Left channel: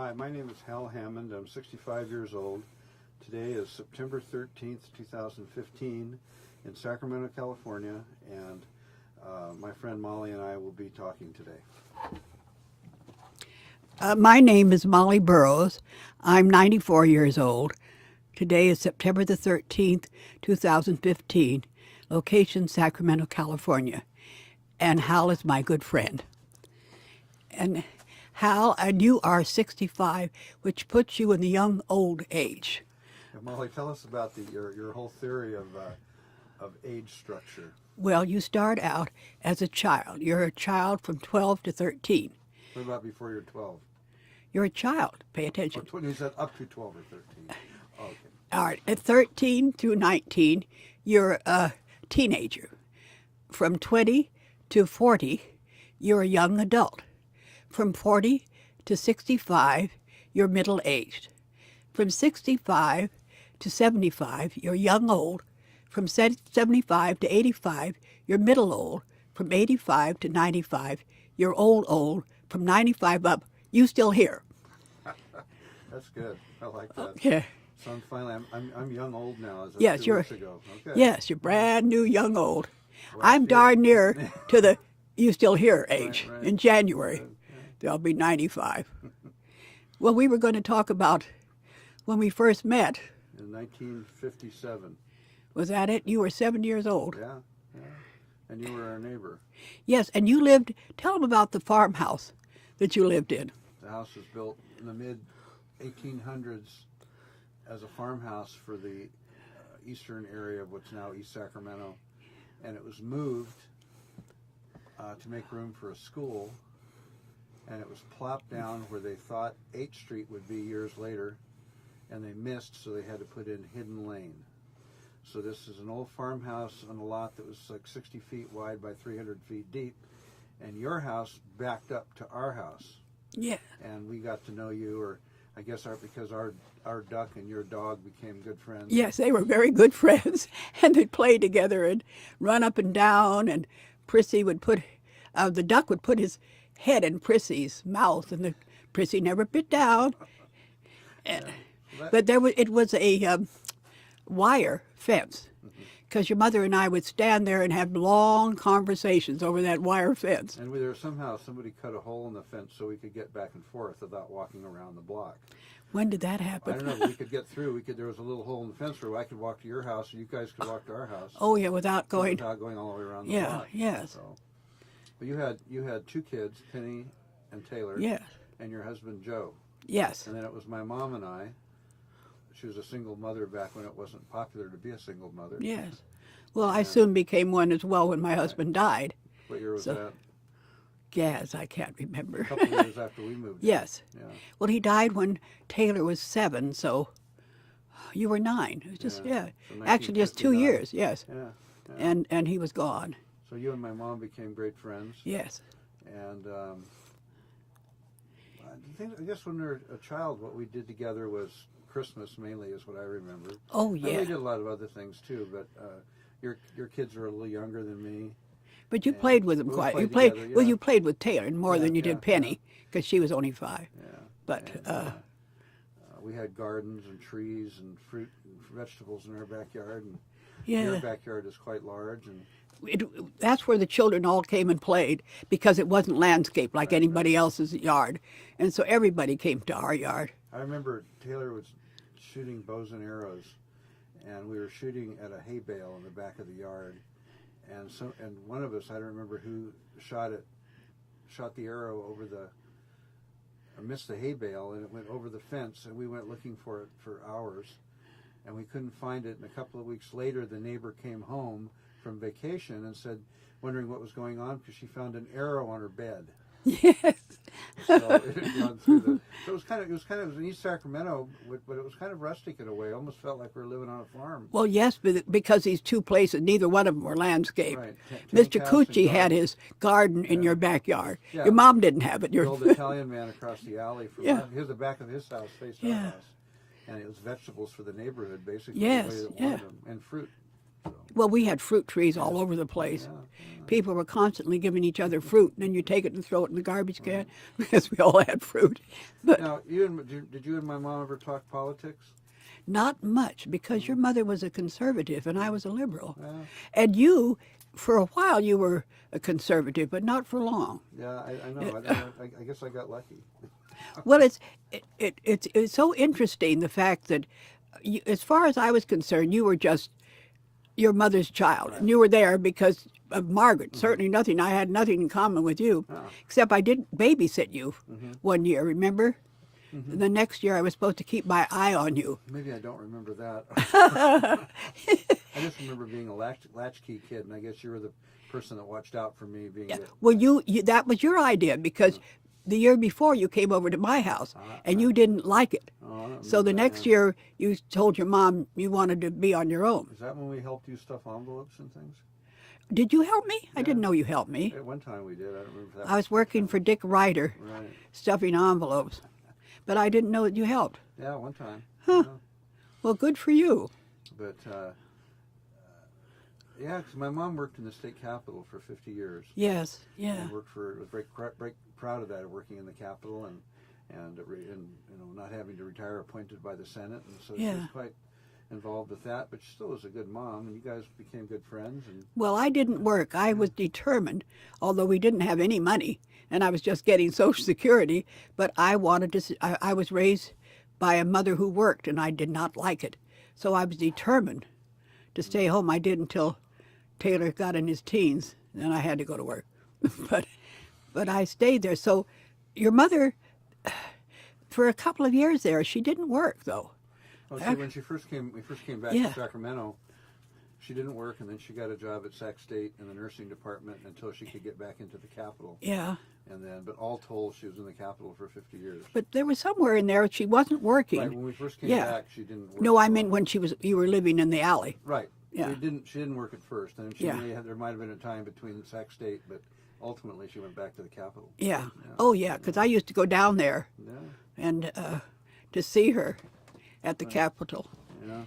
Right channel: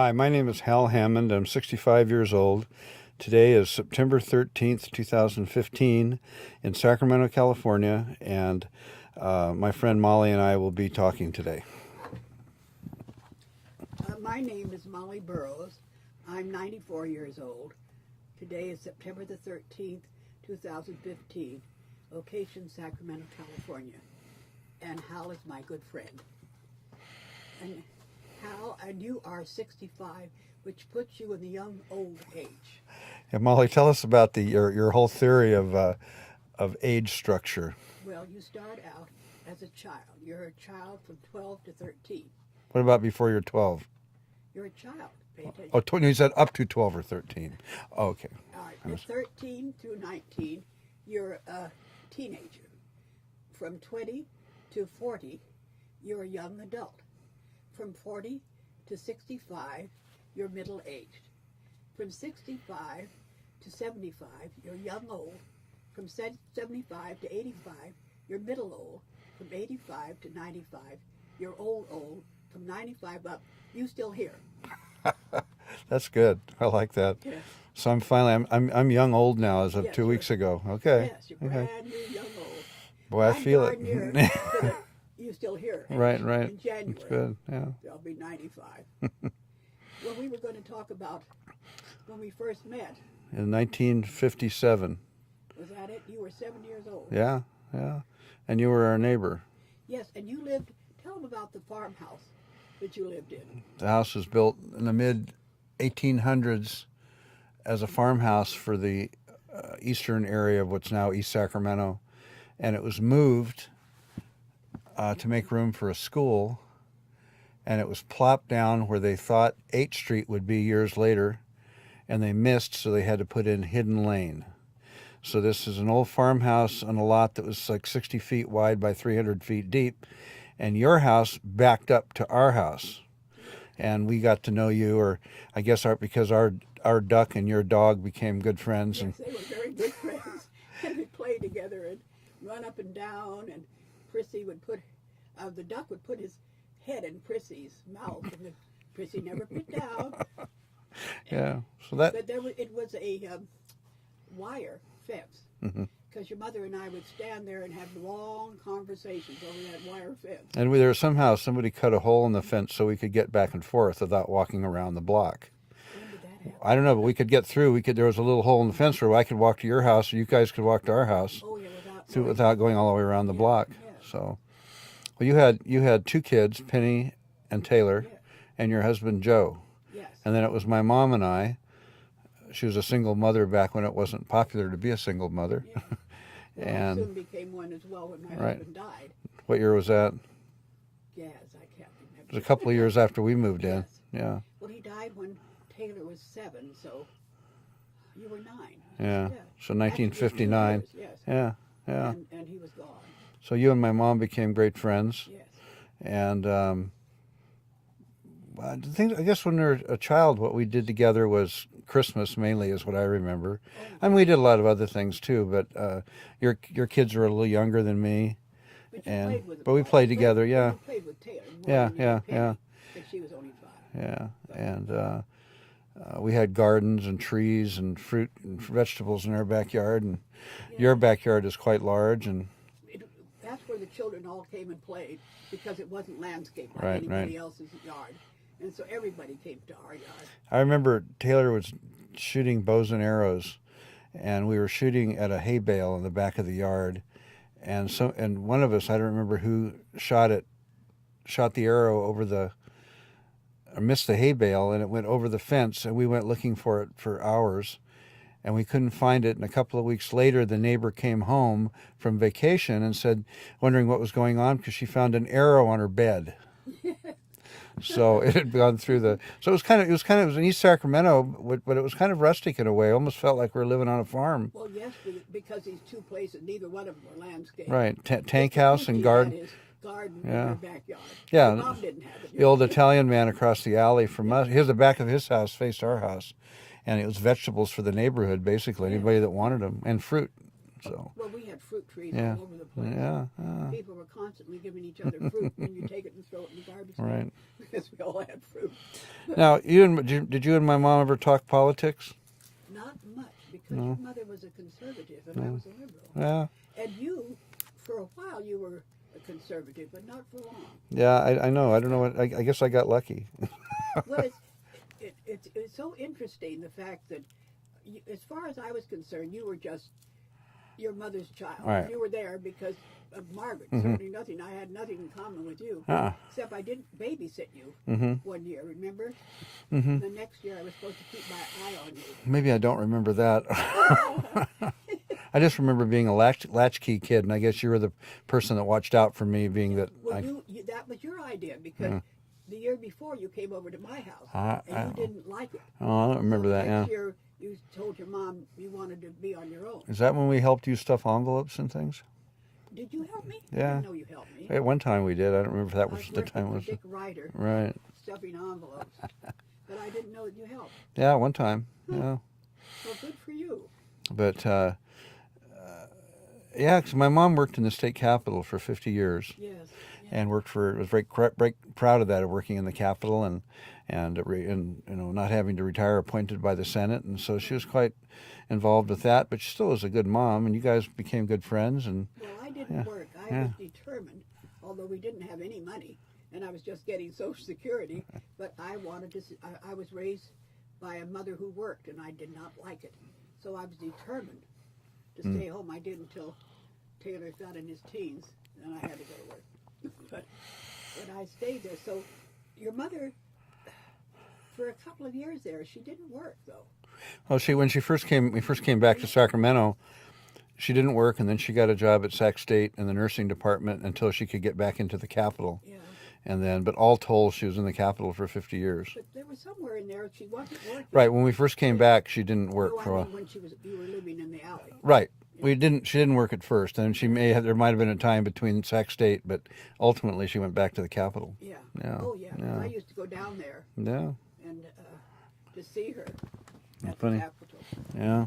Hi, my name is Hal Hammond. I'm 65 years old. Today is September 13th, 2015, in Sacramento, California, and my friend Mollie and I will be talking today. My name is Mollie Burrows. I'm 94 years old. Today is September the 13th, 2015. Location Sacramento, California. And Hal is my good friend. And Hal, and you are 65, which puts you in the young old age. Yeah, Mollie, tell us about your whole theory of age structure. Well, you start out as a child. You're a child from 12 to 13. What about before you're 12? You're a child. Pay Oh, attention. you said up to 12 or 13. Okay. All right. At 13 through 19, you're a teenager. From 20 to 40, you're a young adult. From 40 to 65, you're middle aged. From 65 to 75, you're young old. From 75 to 85, you're middle old. From 85 to 95, you're old. From 95 up, you still here. That's good. I like that. Yeah. So I'm young old now as of Yes, 2 weeks ago. Okay. Yes, you're brand new young old. Boy, I I'm feel darn it. near to the you still here age Right. in January. Good, yeah. I'll be 95. Well, we were going to talk about when we first met. In 1957. Was that it? You were 7 years old. Yeah. And you were our neighbor. Yes, and you lived, tell them about the farmhouse that you lived in. The house was built in the mid 1800s as a farmhouse for the eastern area of what's now East Sacramento, and it was moved to make room for a school, and it was plopped down where they thought 8th Street would be years later, and they missed, so they had to put in Hidden Lane. So this is an old farmhouse on a lot that was like 60 feet wide by 300 feet deep, and your house backed up to our house. Yeah. And we got to know you, or I guess because our duck and your dog became good friends. Yes, they were very good friends, and they'd play together and run up and down, and Prissy would the duck would put his head in Prissy's mouth, and the Prissy never bit down. And, So but it was a wire fence, because your mother and I would stand there and have long conversations over that wire fence. And somehow somebody cut a hole in the fence so we could get back and forth without walking around the block. When did that happen? I don't know, but we could get through. There was a little hole in the fence where I could walk to your house, or you guys could walk to our house. Oh yeah, without going all the way around the block. Yeah. So, well, you had 2 kids, Penny and Taylor. Yeah. And your husband Joe. Yes. And then it was my mom and I. She was a single mother back when it wasn't popular to be a single mother. Yes. Well, I soon became one as well when my husband died. What year was that? Yes, I can't remember. It was a couple of years after we moved in. Yes. Yeah. Well, he died when Taylor was 7, so you were 9. Yeah. So Actually, just 2 1959. years. Yes. Yeah. And he was gone. So you and my mom became great friends. Yes. And I guess when we were a child, what we did together was Christmas mainly is what I remember. Oh, yeah. And we did a lot of other things too, but your kids are a little younger than me. But you played with him. But we quite. played together, yeah. Well, you played with Taylor more Yeah, than you yeah, did Penny, because she was only 5. Yeah. But, And we had gardens and trees and fruit and vegetables in our backyard, and your backyard is quite large. And that's where the children all came and played, because it wasn't landscaped like anybody else's yard. And so everybody came to our yard. I remember Taylor was shooting bows and arrows, and we were shooting at a hay bale in the back of the yard, and one of us, I don't remember who shot the arrow missed the hay bale, and it went over the fence, and we went looking for it for hours, and we couldn't find it. And a couple of weeks later, the neighbor came home from vacation and said, wondering what was going on, because she found an arrow on her bed. Yes. So it had gone through so it was in East Sacramento, but it was kind of rustic in a way. It almost felt like we were living on a farm. Well, yes, because these 2 places, neither one of them were landscaped. Right, tank Mr. house Cucci and garden. had his garden in your backyard. Yeah. Your mom didn't have it. The old Italian man across the alley from Yeah. us, the back of his house faced our house, and it was vegetables for the neighborhood, basically, Yes, anybody that wanted them, and fruit. So Well, we had fruit trees all over the place. yeah, People were constantly giving each other fruit, and then you take it and throw it in the garbage can Right. because we all had fruit. But now did you and my mom ever talk politics? not much because your mother was a conservative and I was a liberal. Yeah. And you, for a while, you were a conservative, but not for long. Yeah, I know. I don't know. I guess I got lucky. Well, it's so interesting the fact that, you, as far as I was concerned, you were just your mother's child. Right. And you were there because of Margaret. Certainly nothing. I had nothing in common with you, except I did babysit you one year. Remember? The next year, I was supposed to keep my eye on you. Maybe I don't remember that. I just remember being a latchkey kid, and I guess you were the person that watched out for me, being that. Well, you that was your idea because the year before you came over to my house and you didn't like it. Oh, I don't remember So the that, next yeah. year you told your mom you wanted to be on your own. Is that when we helped you stuff envelopes and things? Did you help me? I Yeah. didn't know you helped me. At one time we did. I don't remember if that was. I was the working time for was- Dick Ryder, Right. stuffing envelopes, but I didn't know that you helped. Yeah, one time. Yeah. Well, good for you. But yeah, because my mom worked in the state capitol for 50 years. Yes. Yeah. And was very proud of that, of working in the Capitol and not having to retire, appointed by the Senate, and so she was Yeah. quite involved with that. But she still was a good mom, and you guys became good friends. And Well, I didn't work. I was determined, although we didn't have any money, and I was just getting Social Security. But I wanted to. I was raised by a mother who worked, and I did not like it. So I was determined to stay home. I did until Taylor got in his teens, then I had to go to work. but I stayed there. So your mother, for a couple of years there, she didn't work though. oh, when we first came back Yeah. to Sacramento, she didn't work, and then she got a job at Sac State in the nursing department until she could get back into the Capitol. Yeah. And then, but all told, she was in the Capitol for 50 years. But there was somewhere in there she wasn't working. Right, when we first came Yeah. back, she didn't work. No, I for a mean while. when you were living in the alley. Right. Yeah. She didn't work at first, and Yeah. there might have been a time between Sac State, but ultimately she went back to the Capitol. Yeah. Yeah. Oh yeah, because I used to go down there Yeah, and to see her at the funny. Capitol. yeah.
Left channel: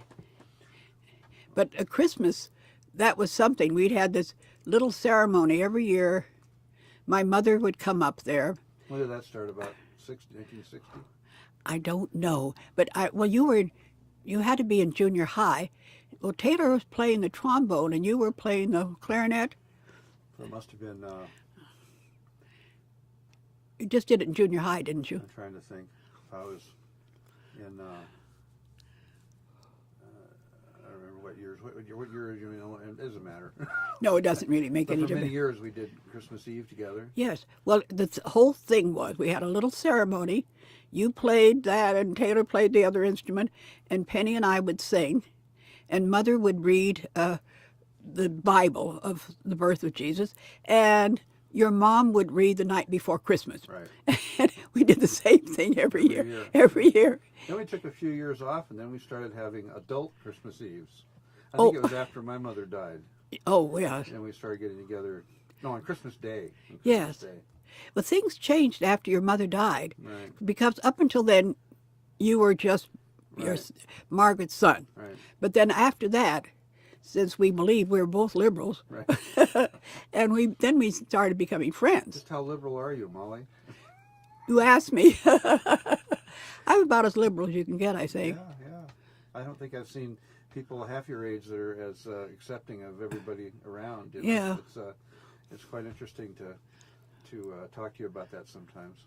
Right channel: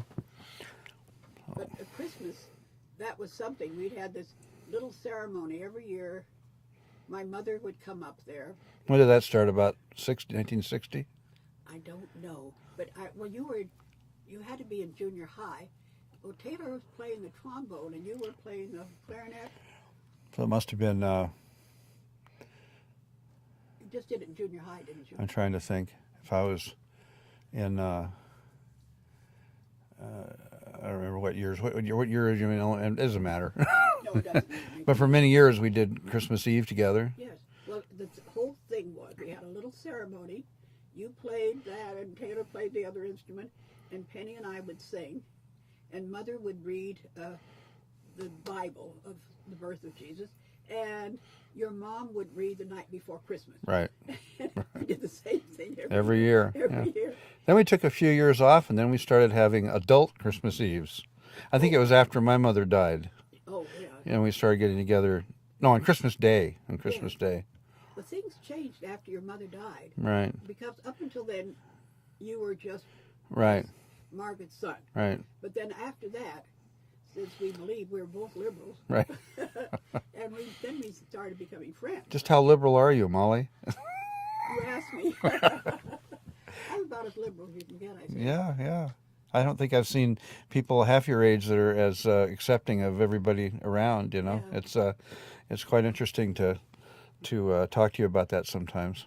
But at Christmas, that was something. We'd had this little ceremony every year. My mother would come up there. When did that start? About 1960? I don't know, but you had to be in junior high. Well, Taylor was playing the trombone and you were playing the clarinet. So it must have been, You just did it in junior high, didn't you? I'm trying to think, if I was in, I don't remember what years. What year is you in? It doesn't matter. No, it doesn't really make But any for difference. many years, we did Christmas Eve together. Yes. Well, the whole thing was we had a little ceremony. You played that, and Taylor played the other instrument, and Penny and I would sing, and Mother would read the Bible of the birth of Jesus, and your mom would read the night before Christmas. Right. And we did the same thing every year. Every year. Then we took a few years off, and then we started having adult Christmas Eves. I think Oh. it was after my mother died, Oh, yeah. and we started getting together. No, on Christmas Day. On Christmas Yes. Day. Well, things changed after your mother died, Right. because up until then, you were just Right. Margaret's son. Right. But then after that, since we believe we were both liberals, Right. and we started becoming friends. Just how liberal are you, Mollie? You asked me. I'm about as liberal as you can get, I think. Yeah, yeah. I don't think I've seen people half your age that are as accepting of everybody around. You know, Yeah. it's quite interesting to talk to you about that sometimes.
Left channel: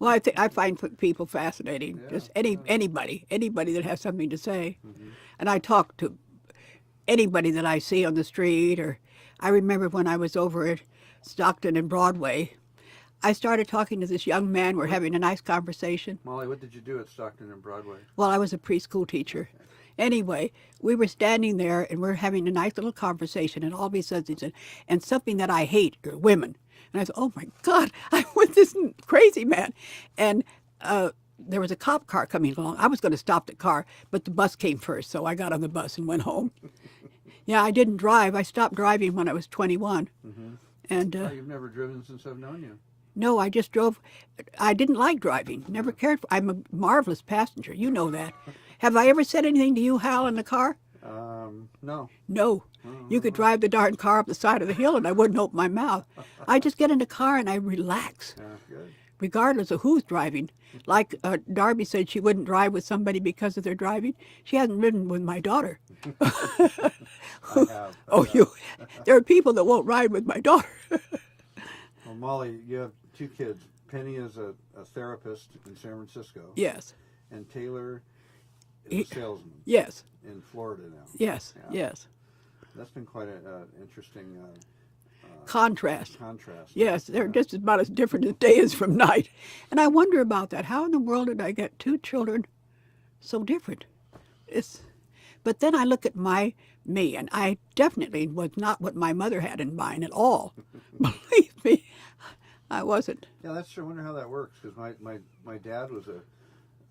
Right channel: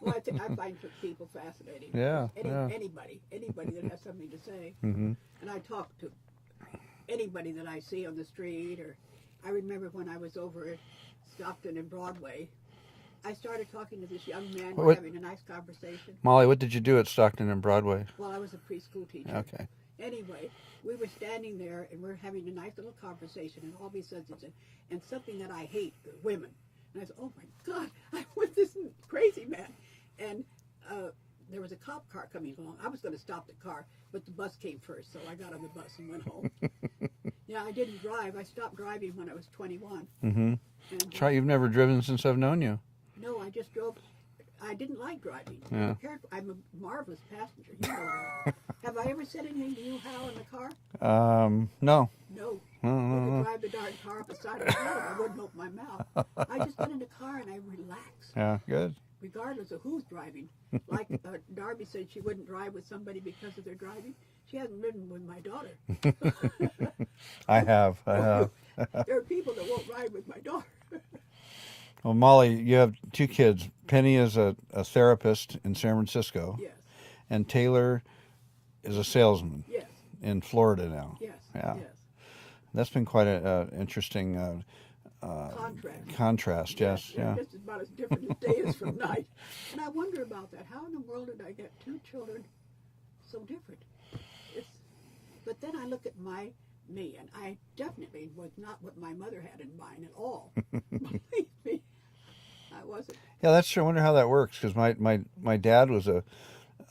Well, I find people fascinating. Yeah, Just yeah. anybody that has something to say. Mm-hmm. And I talk to anybody that I see on the street. Or I remember when I was over at Stockton and Broadway, I started talking to this young man. We're having a nice conversation. Mollie, what did you do at Stockton and Broadway? Well, I was a preschool teacher. Okay. Anyway, we were standing there and we're having a nice little conversation, and all of a sudden he said, and something that I hate are women. And I said, oh my God, I'm with this crazy man. And there was a cop car coming along. I was going to stop the car, but the bus came first, so I got on the bus and went home. Yeah, I didn't drive. I stopped driving when I was 21. Mm-hmm. And That's right, you've never driven since I've known you. no, I just drove. I didn't like driving. Never cared for. I'm a marvelous passenger. You know that. Have I ever said anything to you, Hal, in the car? No. No. You could drive the darn car up the side of the hill and I wouldn't open my mouth. I just get in the car and I relax, Yeah, good. regardless of who's driving. Like Darby said she wouldn't drive with somebody because of their driving. She hasn't ridden with my daughter. I have. There are people that won't ride with my daughter. Well, Mollie, you have two kids. Penny is a therapist in San Francisco. Yes, And Taylor is a salesman yes, in Florida now. yes, Yeah. yes. That's been quite an interesting Contrast. contrast. Yes, they're yeah. just about as different as day is from night. And I wonder about that. How in the world did I get two children so different? But then I look at me, and I definitely was not what my mother had in mind at all. Believe me, I wasn't. Yeah, that's true. I wonder how that works because my dad was a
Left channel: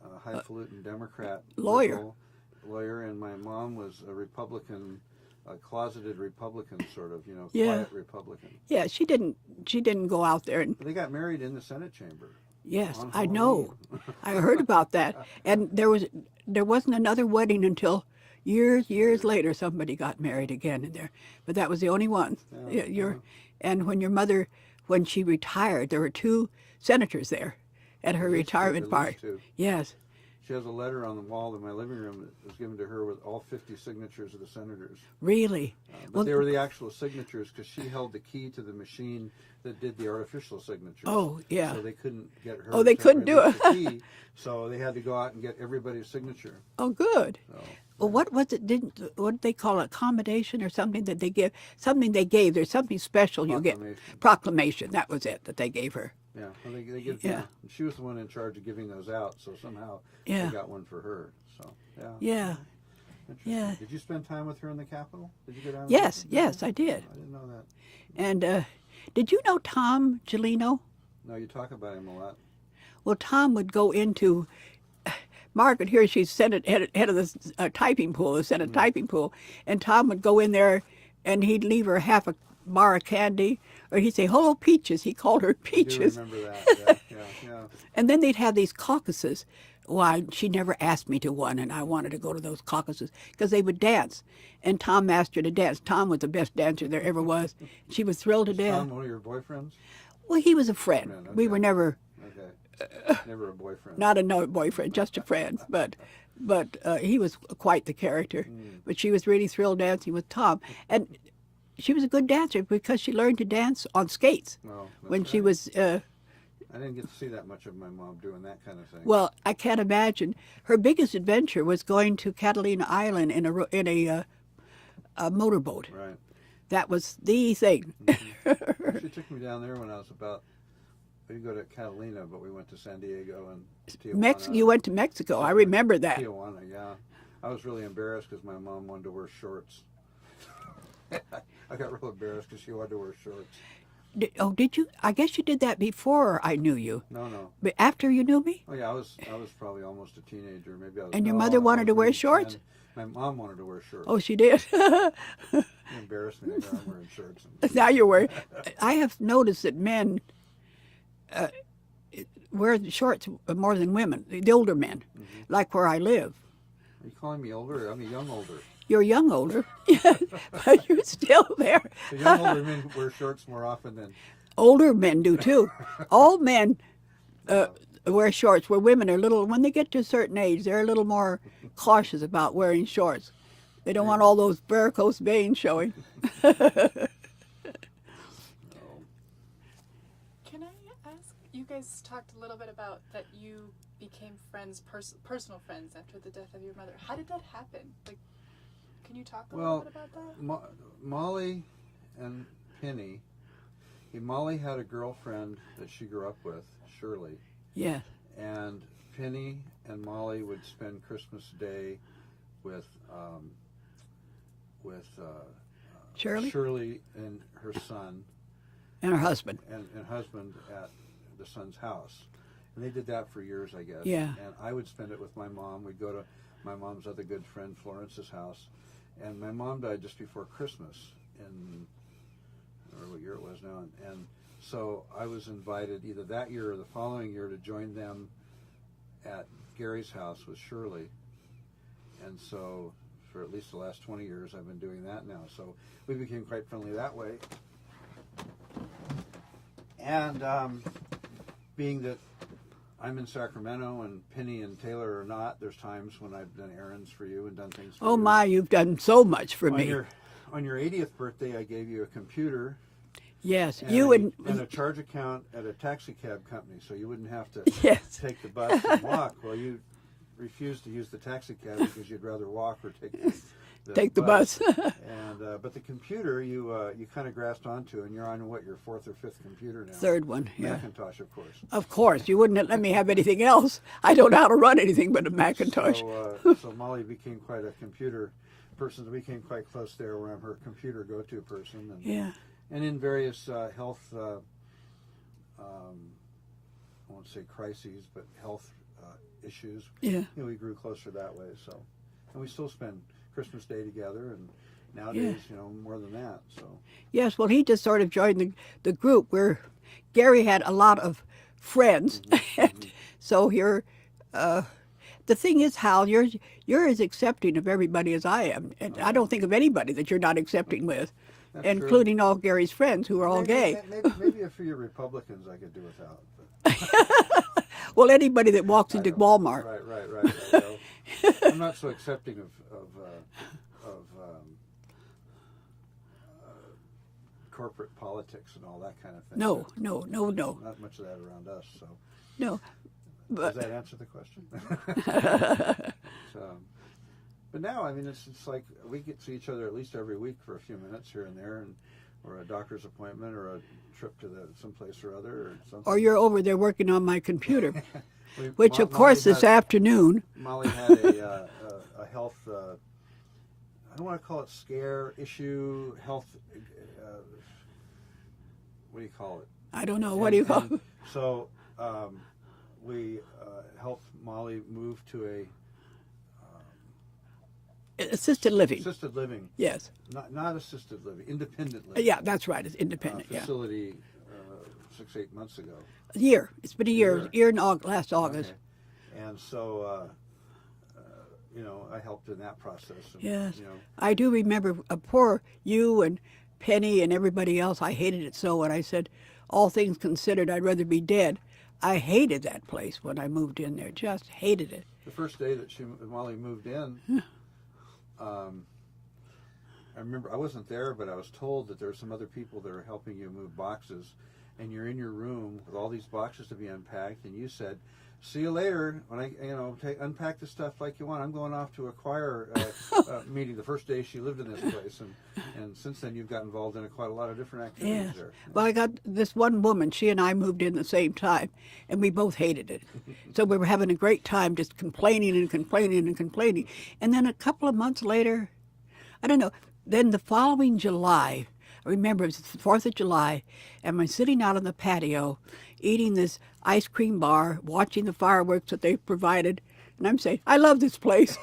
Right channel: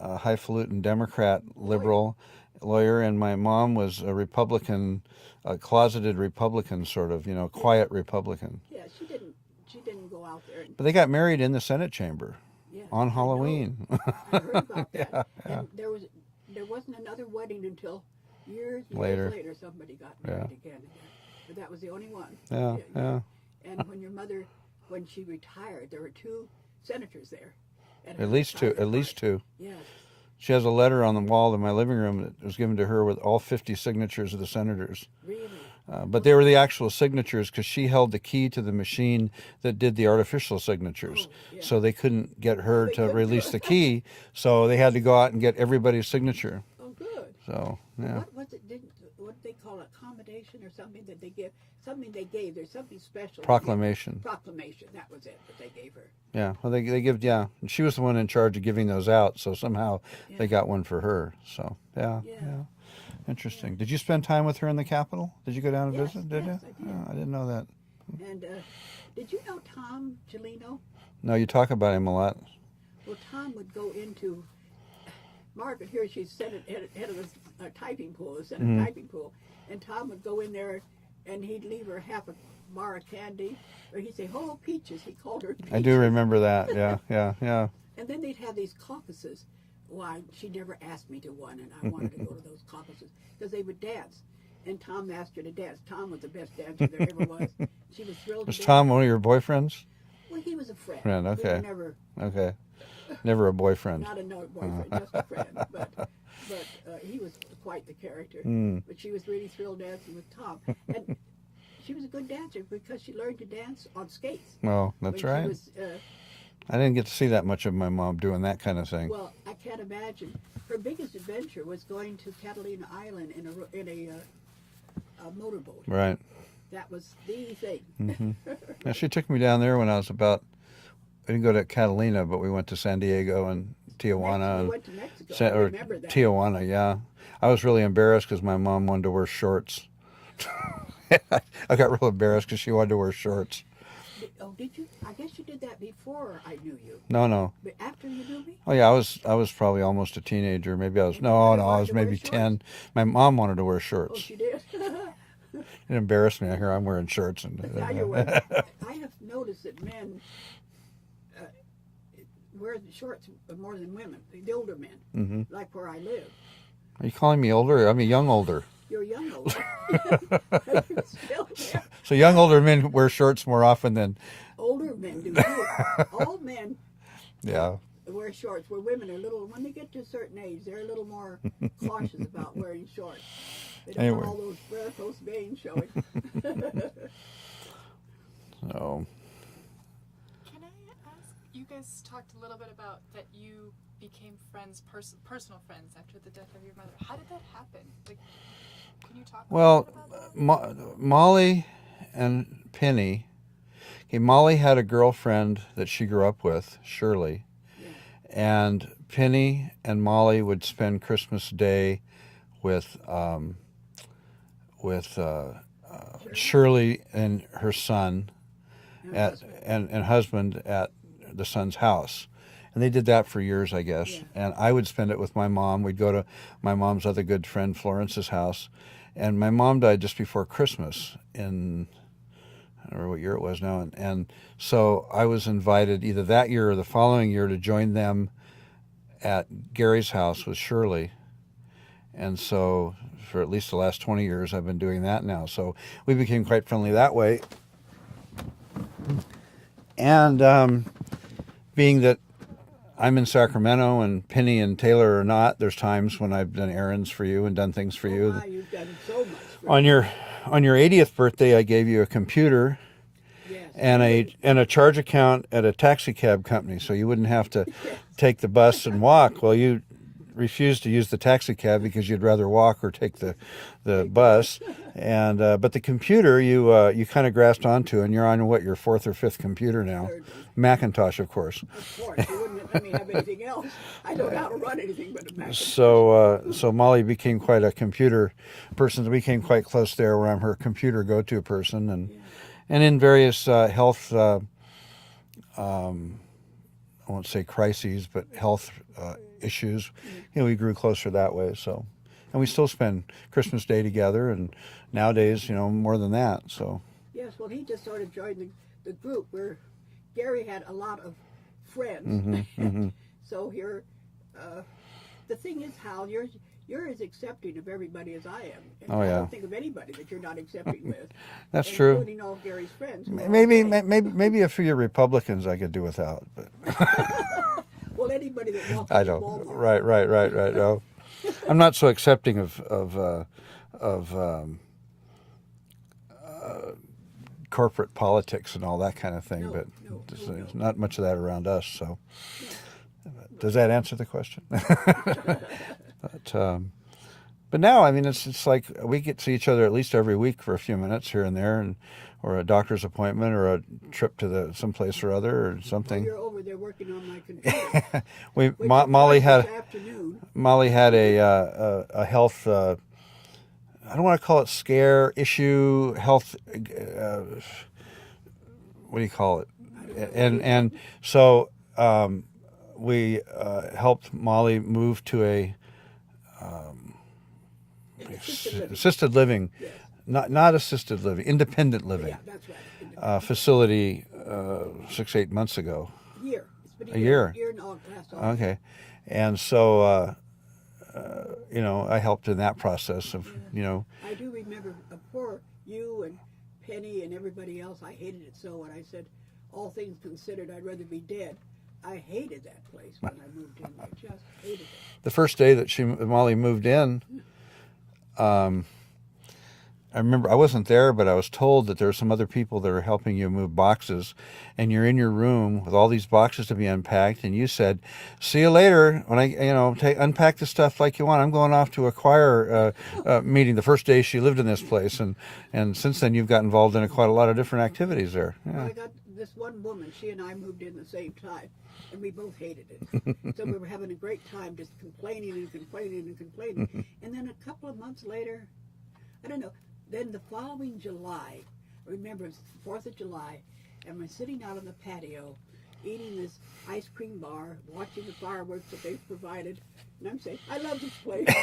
highfalutin Democrat, liberal lawyer, and my mom was a Republican, a closeted Republican, sort of, Yeah. quiet Republican. Yeah, she didn't go out there and. But they got married in the Senate chamber. Yes, on I know. Halloween. I heard about that, and there wasn't another wedding until years later. Somebody got married again in there, but that was the only one. Yeah, Yeah. And when your mother, when she retired, there were two senators there at her At least two, retirement at party. least two. Yes. She has a letter on the wall in my living room that was given to her with all 50 signatures of the senators. Really. But they were the actual signatures because she held the key to the machine that did the artificial signatures. Oh, yeah. So they couldn't get her they to couldn't do release it. the key. So they had to go out and get everybody's signature. Oh, good. So Well, yeah. what was it? What did they call it? Accommodation or something that they give? Something they gave. There's something special. you get. Proclamation. Proclamation. That was it that they gave her. Yeah, well, they give, yeah. And she was the one in charge of giving those out, so somehow Yeah. they got one for her. So, yeah. Yeah. Interesting. Yeah. Did you spend time with her in the Capitol? Did you go down and Yes, visit? yes, you? I did. Oh, I didn't know that. And did you know Tom Gelino? No, you talk about him a lot. Well, Tom would go into Margaret here. She's head of the typing pool, the Senate typing pool, and Tom would go in there, and he'd leave her half a bar of candy, or he'd say, "Hello, Peaches." He called her I Peaches. do remember that. Yeah. And then they'd have these caucuses. Well, she never asked me to one, and I wanted to go to those caucuses because they would dance. And Tom asked her to dance. Tom was the best dancer there ever was. She was thrilled Was to death. Tom one of your boyfriends? Well, he was a friend. Friend, We were okay. never Okay. Never a boyfriend. not a boyfriend, just a friend. But he was quite the character. But she was really thrilled dancing with Tom, and she was a good dancer because she learned to dance on skates Well, that's when right. she was. I didn't get to see that much of my mom doing that kind of thing. Well, I can't imagine. Her biggest adventure was going to Catalina Island in a motorboat. Right. That was the thing. Yeah, she took me down there when I was about. We didn't go to Catalina, but we went to San Diego and Tijuana. You went to Mexico. I or remember that. Tijuana, yeah. I was really embarrassed because my mom wanted to wear shorts. I got real embarrassed because she wanted to wear shorts. Did you? I guess you did that before I knew you. No. But after you knew me? Oh yeah, I was probably almost a teenager. Maybe I was. And no, your mother no, wanted I was to wear maybe shorts? 10. My mom wanted to wear shorts. Oh, she did. It embarrassed me. I hear I'm wearing shorts. And, Now you're wearing. I have noticed that men wear shorts more than women. The older men, like where I live. Are you calling me older? I'm a young older. You're young older, but you're still there. So young older men wear shorts more often than. Older men do too. All men Yeah. wear shorts. Where women are little, when they get to a certain age, they're a little more cautious about wearing shorts. They don't want Anyway. all those varicose veins showing. Oh. Can I ask, you guys talked a little bit about that you became friends, personal friends after the death of your mother. How did that happen? Like, can you talk a Well, little bit about that? Mollie and Penny. Okay, Mollie had a girlfriend that she grew up with, Shirley, Yeah. and Penny and Mollie would spend Christmas Day with Shirley? Shirley and her son And her husband. and husband at the son's house. And they did that for years, I guess. Yeah. And I would spend it with my mom. We'd go to my mom's other good friend, Florence's house. And my mom died just before Christmas in, I don't remember what year it was now. And so I was invited either that year or the following year to join them at Gary's house with Shirley. And so for at least the last 20 years. I've been doing that now. So we became quite friendly that way. And being that I'm in Sacramento and Penny and Taylor are not, there's times when I've done errands for you and done things for you. Oh my, you've done so much for On me. your 80th birthday, I gave you a computer Yes. and a charge account at a taxi cab company, so you wouldn't have to Yes. take the bus and walk. Well, you refused to use the taxi cab because you'd rather walk or take the bus. And but the computer you kind of grasped onto, and you're on your fourth or fifth computer now. Third one. Macintosh, of course. Of course. You wouldn't let me have anything else. I don't know how to run anything but a Macintosh. So Mollie became quite a computer person. We became quite close there, where I'm her computer go-to person, and in various health, I won't say crises, but health issues. Yeah. We grew closer that way. So, and we still spend Christmas Day together, and nowadays, more than that. So. Yes, well, he just sort of joined the group where Gary had a lot of friends, and so you're. The thing is, Hal, you're as accepting of everybody as I am, and I don't think of anybody that you're not accepting with. That's including true. all Gary's friends who are all gay. Maybe a few Republicans I could do without. But. Well, anybody that walks into Walmart. Right. No, I'm not so accepting of corporate politics and all that kind of thing. No. There's not much of that around us. So. No. Does that answer the question? But now, I mean, it's like we get to see each other at least every week for a few minutes here and there, or a doctor's appointment, or a trip to someplace or other, or something. Or you're over there working on my computer, which Mollie of course had, this afternoon. Mollie had a health. I don't want to call it scare issue. Health. What do you call it? I don't know. And so. We helped Mollie move to a assisted living. Assisted living. Yes. Not assisted living, independent living. Yeah, that's right. It's independent. Facility 6-8 months ago. A year. It's been a year. Year in last August. Okay, and so I helped in that process. Of, yes. I do remember poor you and Penny and everybody else. I hated it so, and I said, all things considered, I'd rather be dead. I hated that place when I moved in there. Just hated it. The first day that Mollie moved in, I remember I wasn't there, but I was told that there were some other people that are helping you move boxes, and you're in your room with all these boxes to be unpacked, and you said, "See you later." When I, unpack the stuff like you want. I'm going off to a choir meeting. The first day she lived in this place, and since then you've got involved in quite a lot of different activities there. Yeah. Well, I got this one woman. She and I moved in the same time, and we both hated it. So we were having a great time, just complaining and complaining and complaining. And then a couple of months later, I don't know. Then the following July, I remember it was the 4th of July, and I'm sitting out on the patio eating this ice cream bar, watching the fireworks that they've provided, and I'm saying, I love this place.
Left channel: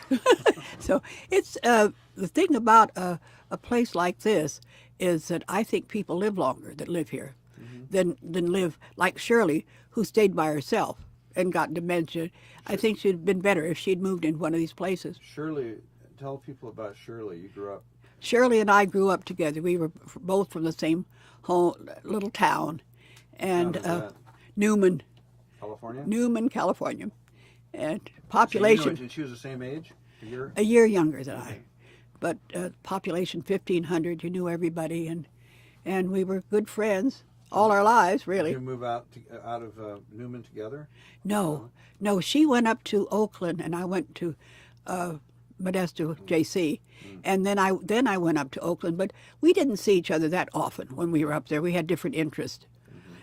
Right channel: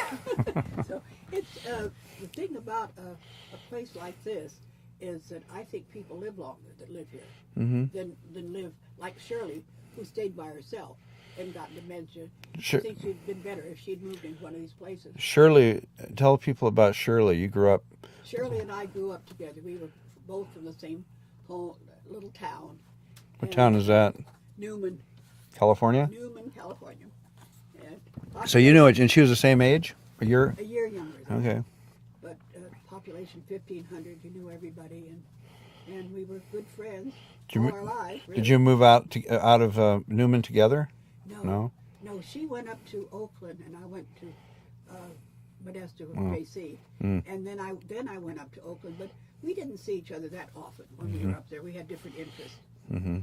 So it's the thing about a place like this is that I think people live longer that live here than live like Shirley, who stayed by herself and got dementia. Sure. I think she'd been better if she'd moved in one of these places. Shirley, tell people about Shirley. You grew up. Shirley and I grew up together. We were both from the same little town. What town is that? Newman. California? Newman, California. And So population. you know it, and she was the same age? A year? A year younger than Okay. I. But population 1,500, you knew everybody, and we were good friends all our lives, really. Did you move out of Newman together? No. She went up to Oakland, and I went to Modesto, JC, and then I went up to Oakland. But we didn't see each other that often when we were up there. We had different interests.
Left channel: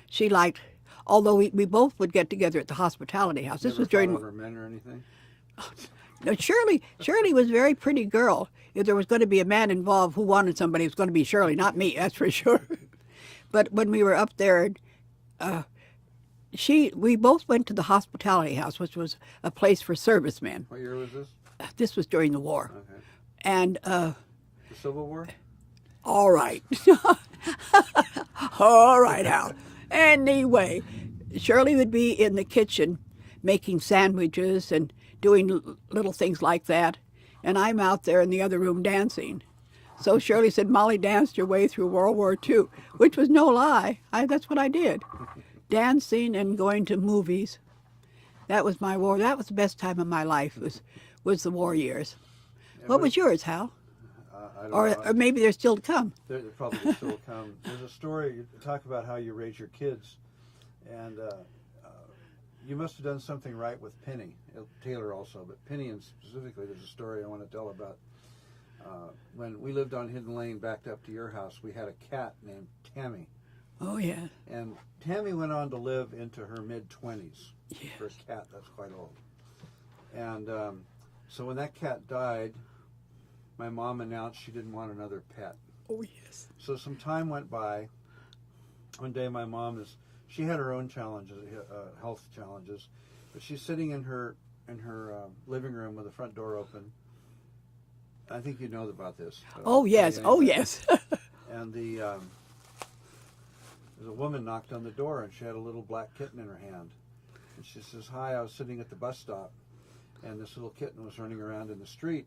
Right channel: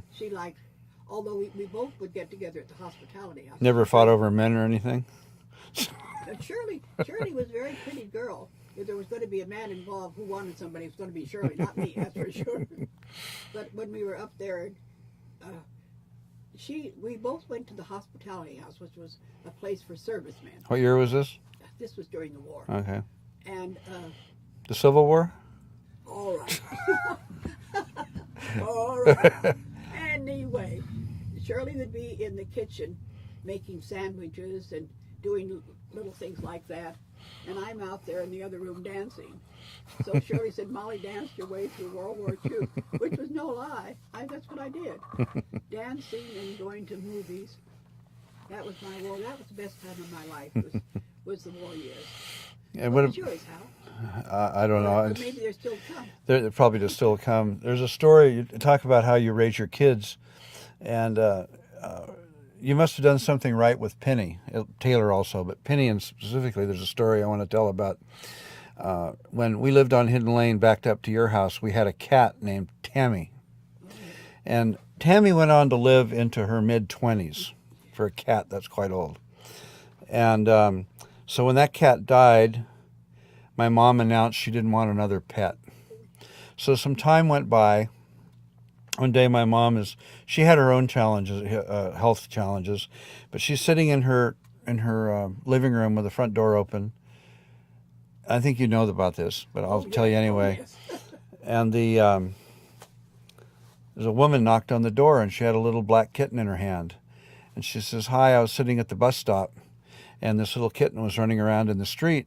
She liked, although we both would get together at the hospitality house. Never fought over men or anything? No, Shirley was a very pretty girl. If there was going to be a man involved who wanted somebody, it was going to be Shirley, not me, that's for sure. But when we were up there, we both went to the hospitality house, which was a place for servicemen. What year was this? This was during the war. Okay. And the Civil War? all right. All right, Al. Anyway, Shirley would be in the kitchen making sandwiches and doing little things like that. and I'm out there in the other room dancing. So Shirley said, Mollie danced your way through World War II, which was no lie. That's what I did. Dancing and going to movies. That was my war. That was the best time of my life, was the war years. Yeah, What was yours, Hal? I don't know. Or maybe they're still to come. They're probably to still come. There's a story, you talk about how you raise your kids, and you must have done something right with Penny, Taylor also, but Penny and specifically, there's a story I want to tell about. When we lived on Hidden Lane, backed up to your house, we had a cat named Tammy. Oh, yeah. And Tammy went on to live into her mid-20s. For a cat, that's quite old. And so when that cat died, my mom announced she didn't want another pet. Oh, yes. So some time went by. One day my mom she had her own challenges, health challenges, but she's sitting in her living room with the front door open. I think you know about this, but I'll tell you anyway. Oh, yes. And there's a woman knocked on the door, and she had a little black kitten in her hand. And she says, hi, I was sitting at the bus stop, and this little kitten was running around in the street,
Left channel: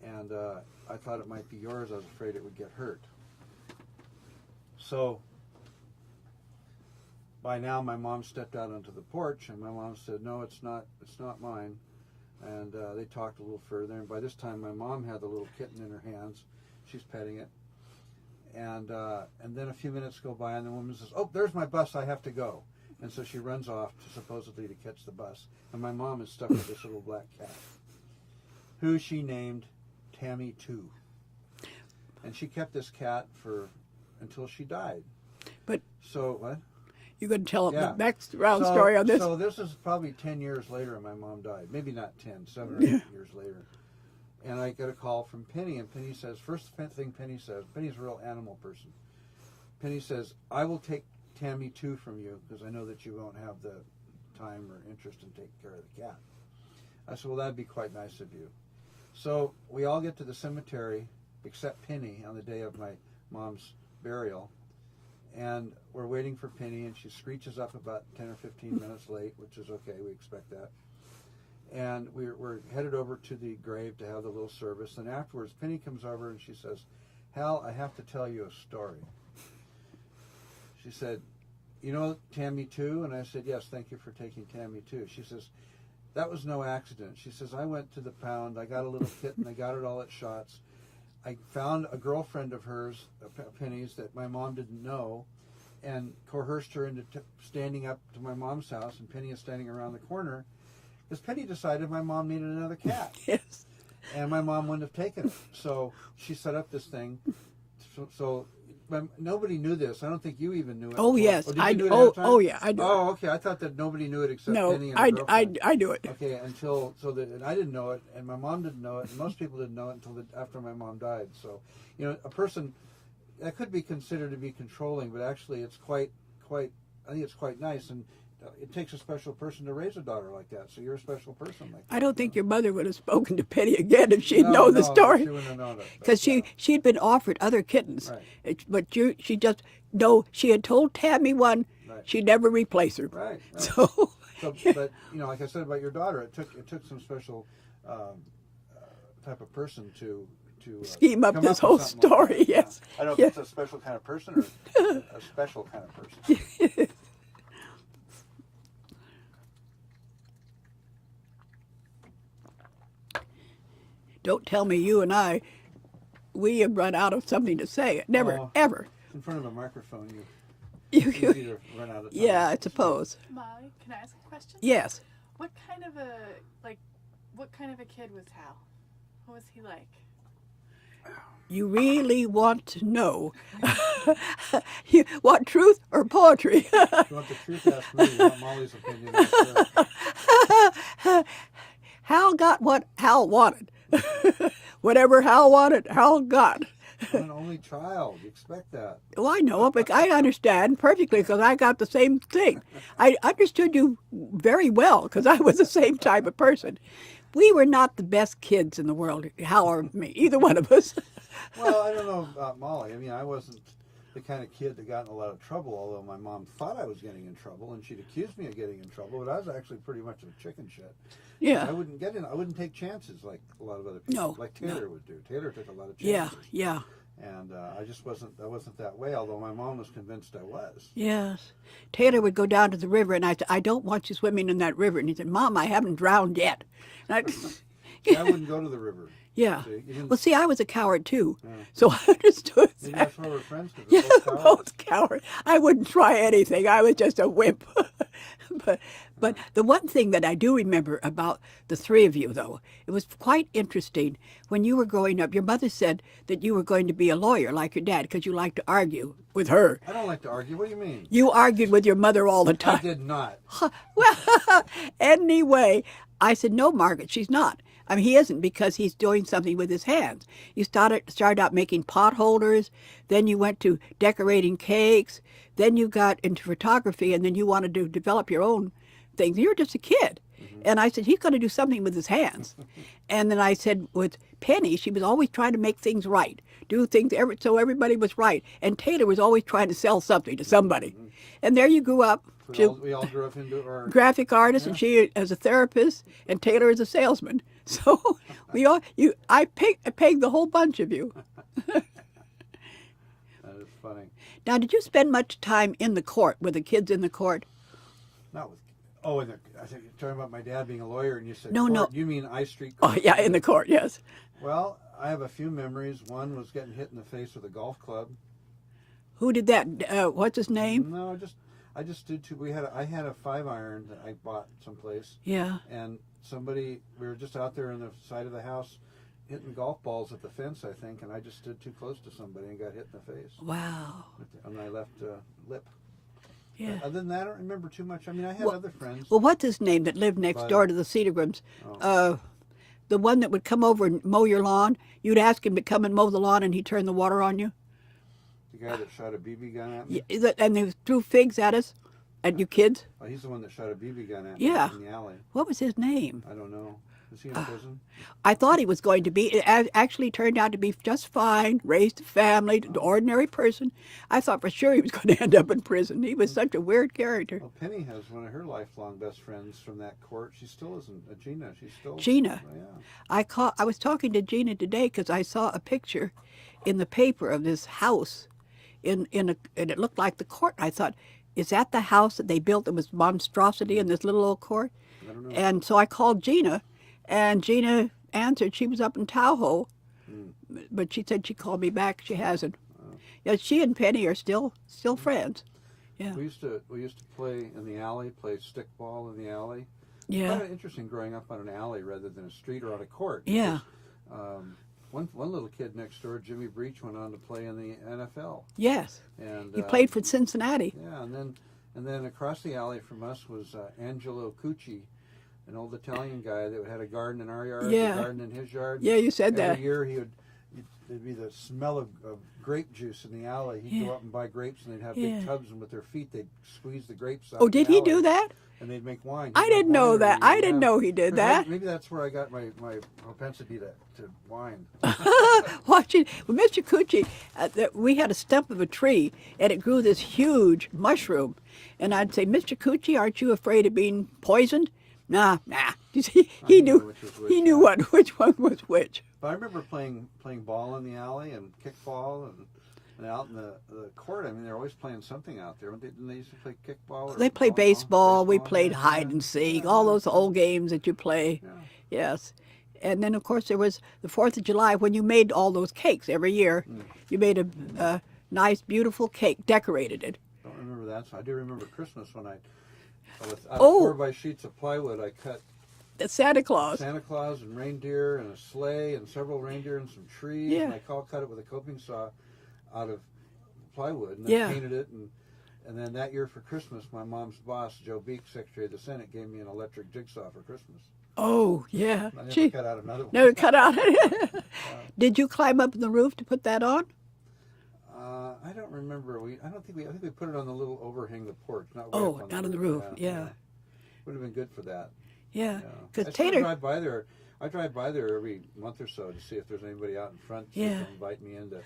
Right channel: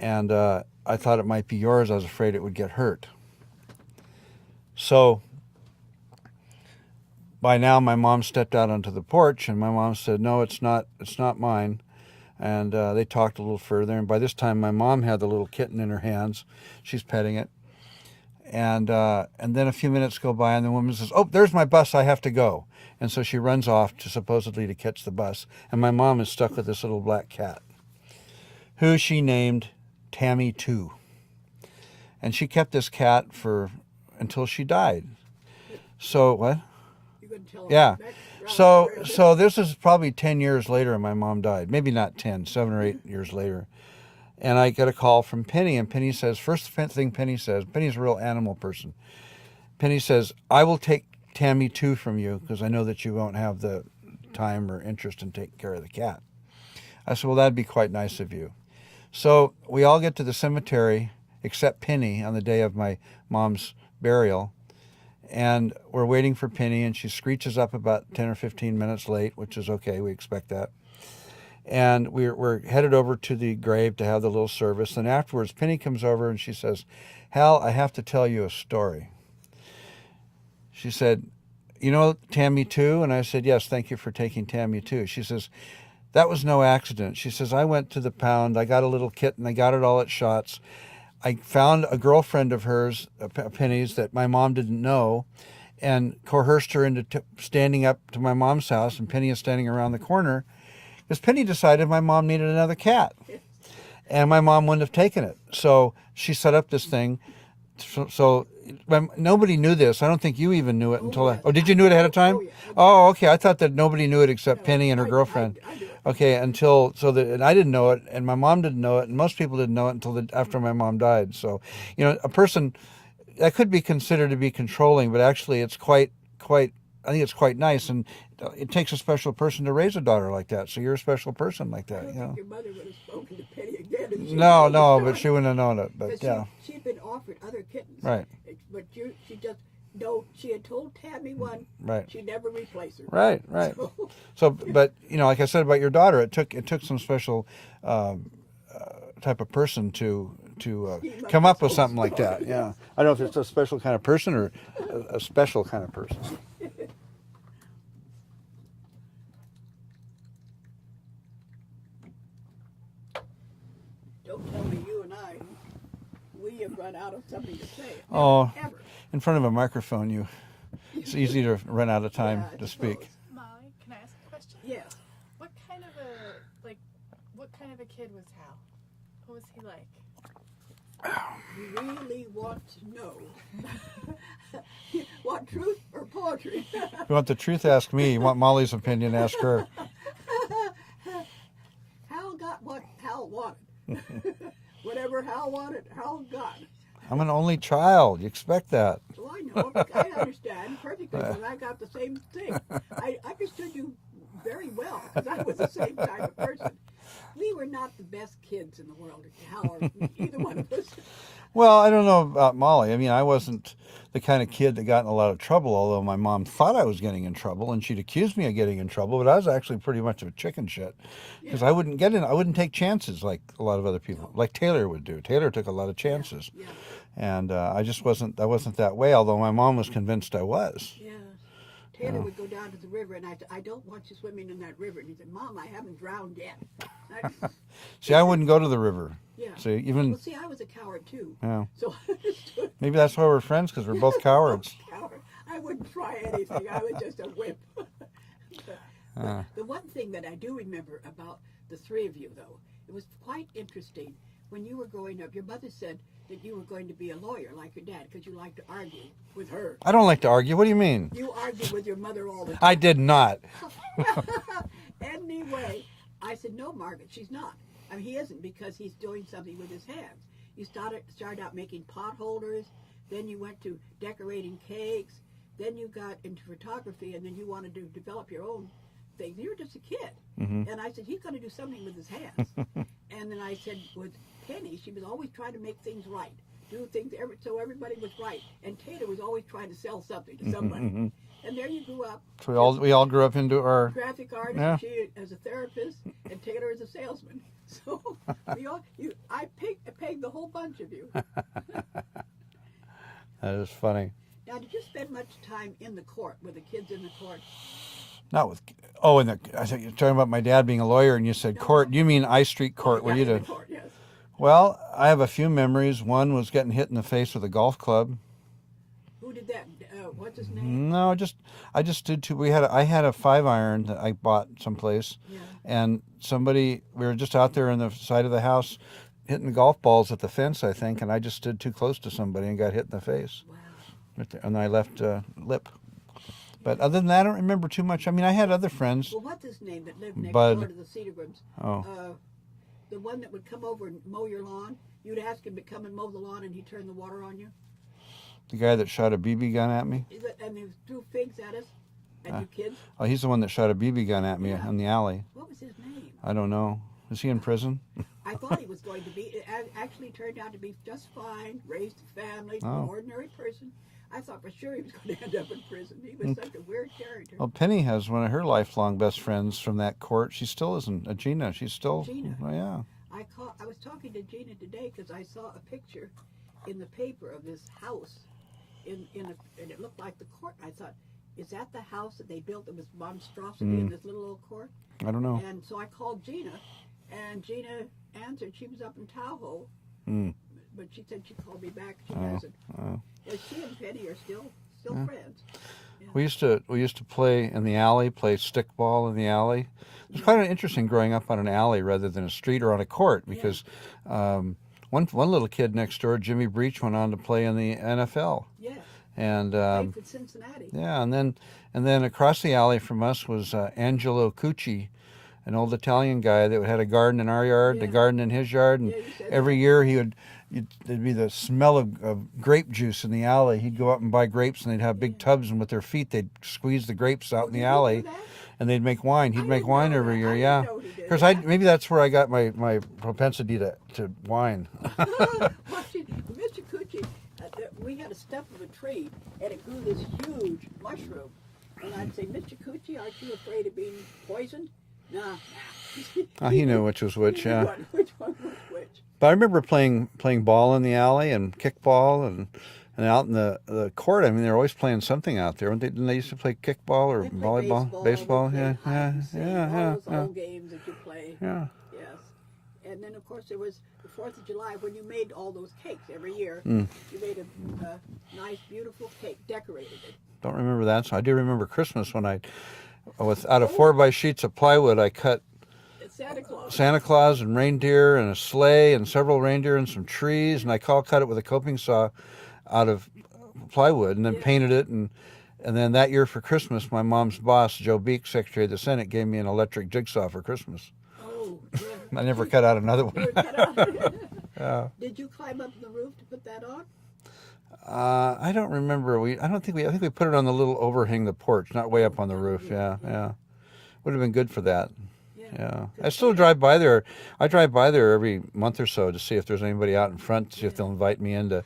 and I thought it might be yours. I was afraid it would get hurt. So by now, my mom stepped out onto the porch, and my mom said, no, it's not mine. And they talked a little further, and by this time, my mom had the little kitten in her hands. She's petting it. And then a few minutes go by, and the woman says, oh, there's my bus, I have to go. And so she runs off supposedly to catch the bus. And my mom is stuck with this little black cat, who she named Tammy 2. And she kept this cat until she died. But so what? You're going to tell Yeah. the background story on this? So this is probably 10 years later, and my mom died. Maybe not 10, 7 or 8 years later. And I get a call from Penny, and Penny says, first thing Penny says, Penny's a real animal person. Penny says, I will take Tammy 2 from you because I know that you won't have the time or interest in taking care of the cat. I said, well, that'd be quite nice of you. So we all get to the cemetery, except Penny, on the day of my mom's burial. And we're waiting for Penny, and she screeches up about 10 or 15 minutes late, which is okay. We expect that. And we're headed over to the grave to have the little service. And afterwards, Penny comes over and she says, Hal, I have to tell you a story. She said, you know Tammy 2? And I said, yes, thank you for taking Tammy 2. She says, that was no accident. She says, I went to the pound. I got a little kitten. I got it all at Shots. I found a girlfriend of hers, Penny's, that my mom didn't know, and coerced her into standing up to my mom's house, and Penny is standing around the corner, because Penny decided my mom needed another cat. Yes. And my mom wouldn't have taken it. So she set up this thing. So nobody knew this. I don't think you even knew it. Oh, until yes. Did you know it ahead of time? Oh, yeah. I did. Oh, okay. I thought that nobody knew it except No, Penny and her girlfriend. I knew it. Okay, and I didn't know it, and my mom didn't know it, and most people didn't know it until after my mom died. So, a person that could be considered to be controlling, but actually it's quite. I think it's quite nice, and it takes a special person to raise a daughter like that. So you're a special person like that. I don't think your mother would have spoken to Penny again if she'd No, known the but story. she wouldn't have known it. Because she'd been offered other kittens. Right. But she just, no, she had told Tammy one, Right. she'd never replace her. Right. So, But like I said about your daughter, it took some special type of person to Scheme up come this up with whole something like story, that. yes. I don't know if it's a special kind of person or a special kind of person. don't tell me you and we have run out of something to say. Never, ever. In front of a microphone, it's easy to run out of time. Yeah, I to suppose. Speak. Mollie, can I ask a question? Yes. What kind of a kid was Hal? What was he like? You really want to know. You want truth or poetry? If you want the truth, ask me. You want Mollie's opinion, ask her. Hal got what Hal wanted. Whatever Hal wanted, Hal got. I'm an only child. You expect that. Well, I know, but I understand perfectly because I got the same thing. I understood you very well because I was the same type of person. We were not the best kids in the world, Hal or me, either one of us. Well, I don't know about Mollie. I mean, I wasn't the kind of kid that got in a lot of trouble, although my mom thought I was getting in trouble, and she'd accused me of getting in trouble, but I was actually pretty much of a chicken shit. Because Yeah. I wouldn't get in, I wouldn't take chances like a lot of other people, No. like Taylor would do. Taylor took a lot of chances. Yeah. And I wasn't that way, although my mom was convinced I was. Yes. Taylor would go down to the river, and I said, I don't want you swimming in that river. And he said, Mom, I haven't drowned yet. And See, I wouldn't go to the river. yeah. See, even Well, see, I was a coward, too. Yeah. So I understood. maybe that's why we're friends, because we're both cowards. Both coward. I wouldn't try anything. I was just a wimp. But the one thing that I do remember about the three of you, though, it was quite interesting. When you were growing up, your mother said that you were going to be a lawyer like your dad because you liked to argue with her. I don't like to argue. What do you mean? You argued with your mother all the time. I did not. Well, anyway, I said, no, Margaret, she's not. I mean, he isn't, because he's doing something with his hands. You started out making pot holders, then you went to decorating cakes, then you got into photography, and then you wanted to develop your own things. You were just a kid. And I said, he's going to do something with his hands. And then I said, with Penny, she was always trying to make things right, do things so everybody was right. And Taylor was always trying to sell something to somebody. And there you grew up. So we all grew up into our... Graphic artist, Yeah. and she as a therapist, and Taylor as a salesman. So I pegged the whole bunch of you. That is funny. Now, did you spend much time in the court with the kids in the court? Not with... Oh, I thought you were talking about my dad being a lawyer, and you said No, court. no. You mean I Street Court? Oh, yeah, where you in the did. court, yes. Well, I have a few memories. One was getting hit in the face with a golf club. Who did that? What's his name? No, I just did two. I had a 5-iron that I bought someplace. Yeah. And we were just out there on the side of the house hitting the golf balls at the fence, I think, and I just stood too close to somebody and got hit in the face. Wow. And I left lip. Yeah. But other than that, I don't remember too much. I mean, I had other friends. Well, what's his name that lived next Bud. door to the Cedargrams? Oh. The one that would come over and mow your lawn. You'd ask him to come and mow the lawn, and he'd turn the water on you. The guy that shot a BB gun at me. And they threw figs at us, at you kids. Oh, he's the one that shot a BB gun at me Yeah. in the alley. What was his name? I don't know. Is he in prison? I thought he was going to be. It actually turned out to be just fine. Raised a family, an ordinary person. I thought for sure he was going to end up in prison. He was such a weird character. Well, Penny has one of her lifelong best friends from that court. She still isn't. Gina. She's still. Gina. Oh, yeah. I was talking to Gina today because I saw a picture in the paper of this house, and it looked like the court. I thought, is that the house that they built that was monstrosity in this little old court? I don't know. And so I called Gina, and Gina answered. She was up in Tahoe, but she said she called me back. She hasn't. Yeah, she and Penny are still friends. Yeah. We used to play in the alley, play stickball in the alley. It's Yeah. kind of interesting growing up on an alley rather than a street or on a court, Yeah. because one little kid next door, Jimmy Breach, went on to play in the NFL, Yes. and He played for Cincinnati. yeah, and then across the alley from us was Angelo Cucci, an old Italian guy that had a garden in our yard, Yeah. the garden in his yard. And Yeah, you said every that. year there'd be the smell of grape juice in the alley. He'd go up and buy grapes, and they'd have big Yeah. tubs, and with their feet they'd squeeze the grapes out Oh, in the did he alley. do that? And they'd make wine. He'd I make didn't wine know every that. year. I didn't yeah. know he did 'Cause that. maybe that's where I got my propensity to wine. Watching well, Mr. Cucci, we had a stump of a tree, and it grew this huge mushroom. And I'd say, Mr. Cucci, aren't you afraid of being poisoned? Nah. He knew which was which, He knew yeah. which one was which. But I remember playing ball in the alley and kickball and out in the court. I mean, they were always playing something out there. Didn't they used to play kickball or They played volleyball? baseball. We played Yeah, hide yeah, and seek. yeah, All yeah, those yeah. old games that you play. Yeah. Yes. And then, of course, there was the 4th of July when you made all those cakes every year. Mm. You made a nice, beautiful cake, decorated it. Don't remember that. So I do remember Christmas when out of Oh. 4 by sheets of plywood, I cut That's Santa Claus. Santa Claus and reindeer and a sleigh and several reindeer and some trees, and I cut it with a coping saw out of plywood, and then Yeah. painted it, and then that year for Christmas, my mom's boss, Joe Beek, Secretary of the Senate, gave me an electric jigsaw for Christmas. Oh, yeah. I never cut out another one. Never cut out. Did you climb up on the roof to put that on? I don't remember. I think we put it on the little overhang of the porch, not way Oh, up on the down on the roof. roof, yeah. Would have been good for that. Yeah. Yeah, 'Cause I still Taylor- drive by there. I drive by there every month or so to see if there's anybody out in front, see if Yeah. they'll invite me in to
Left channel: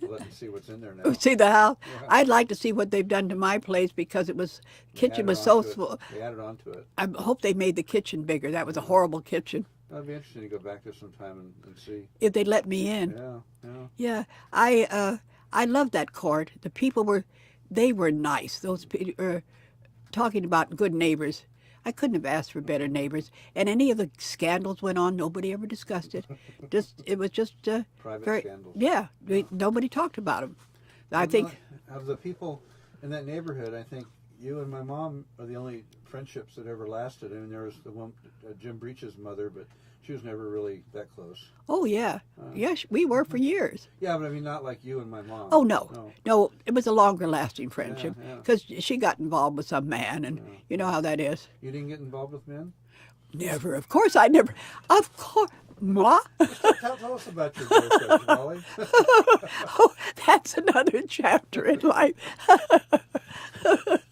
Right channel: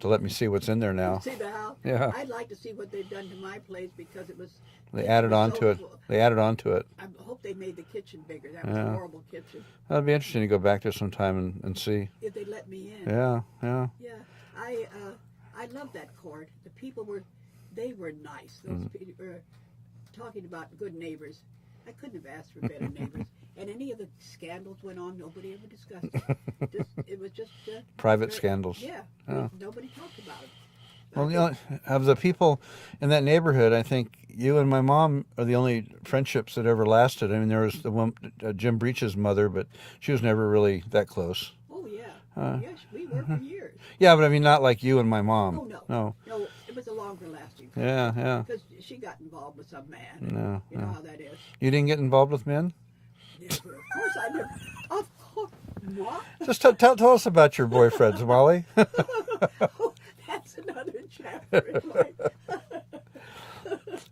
to let me see what's in there now. See the house? Yeah. I'd like to see what they've done to my place because it was They kitchen added was on so to it. full. They added on to it. I hope they made the kitchen bigger. That was a Yeah. horrible kitchen. That'd be interesting to go back there sometime and see. If they let me in. Yeah, yeah. Yeah, I loved that court. The people were nice. Those talking about good neighbors. I couldn't have asked for better neighbors. And any of the scandals went on, nobody ever discussed it. It was just Private scandals. Yeah, Yeah. nobody talked about them. Well, I think of the people in that neighborhood, I think you and my mom are the only friendships that ever lasted. I mean, there was the one, Jim Breach's mother, but she was never really that close. Oh yeah, yes, we were for years. Yeah, but I mean, not like you and my mom. Oh no, it was a longer lasting friendship. Yeah. Because she got involved with some man, and you know how that is. You didn't get involved with men? Never. Of course, I never. Of course, moi. Just tell us about your boyfriends, Mollie. Oh, that's another chapter in life.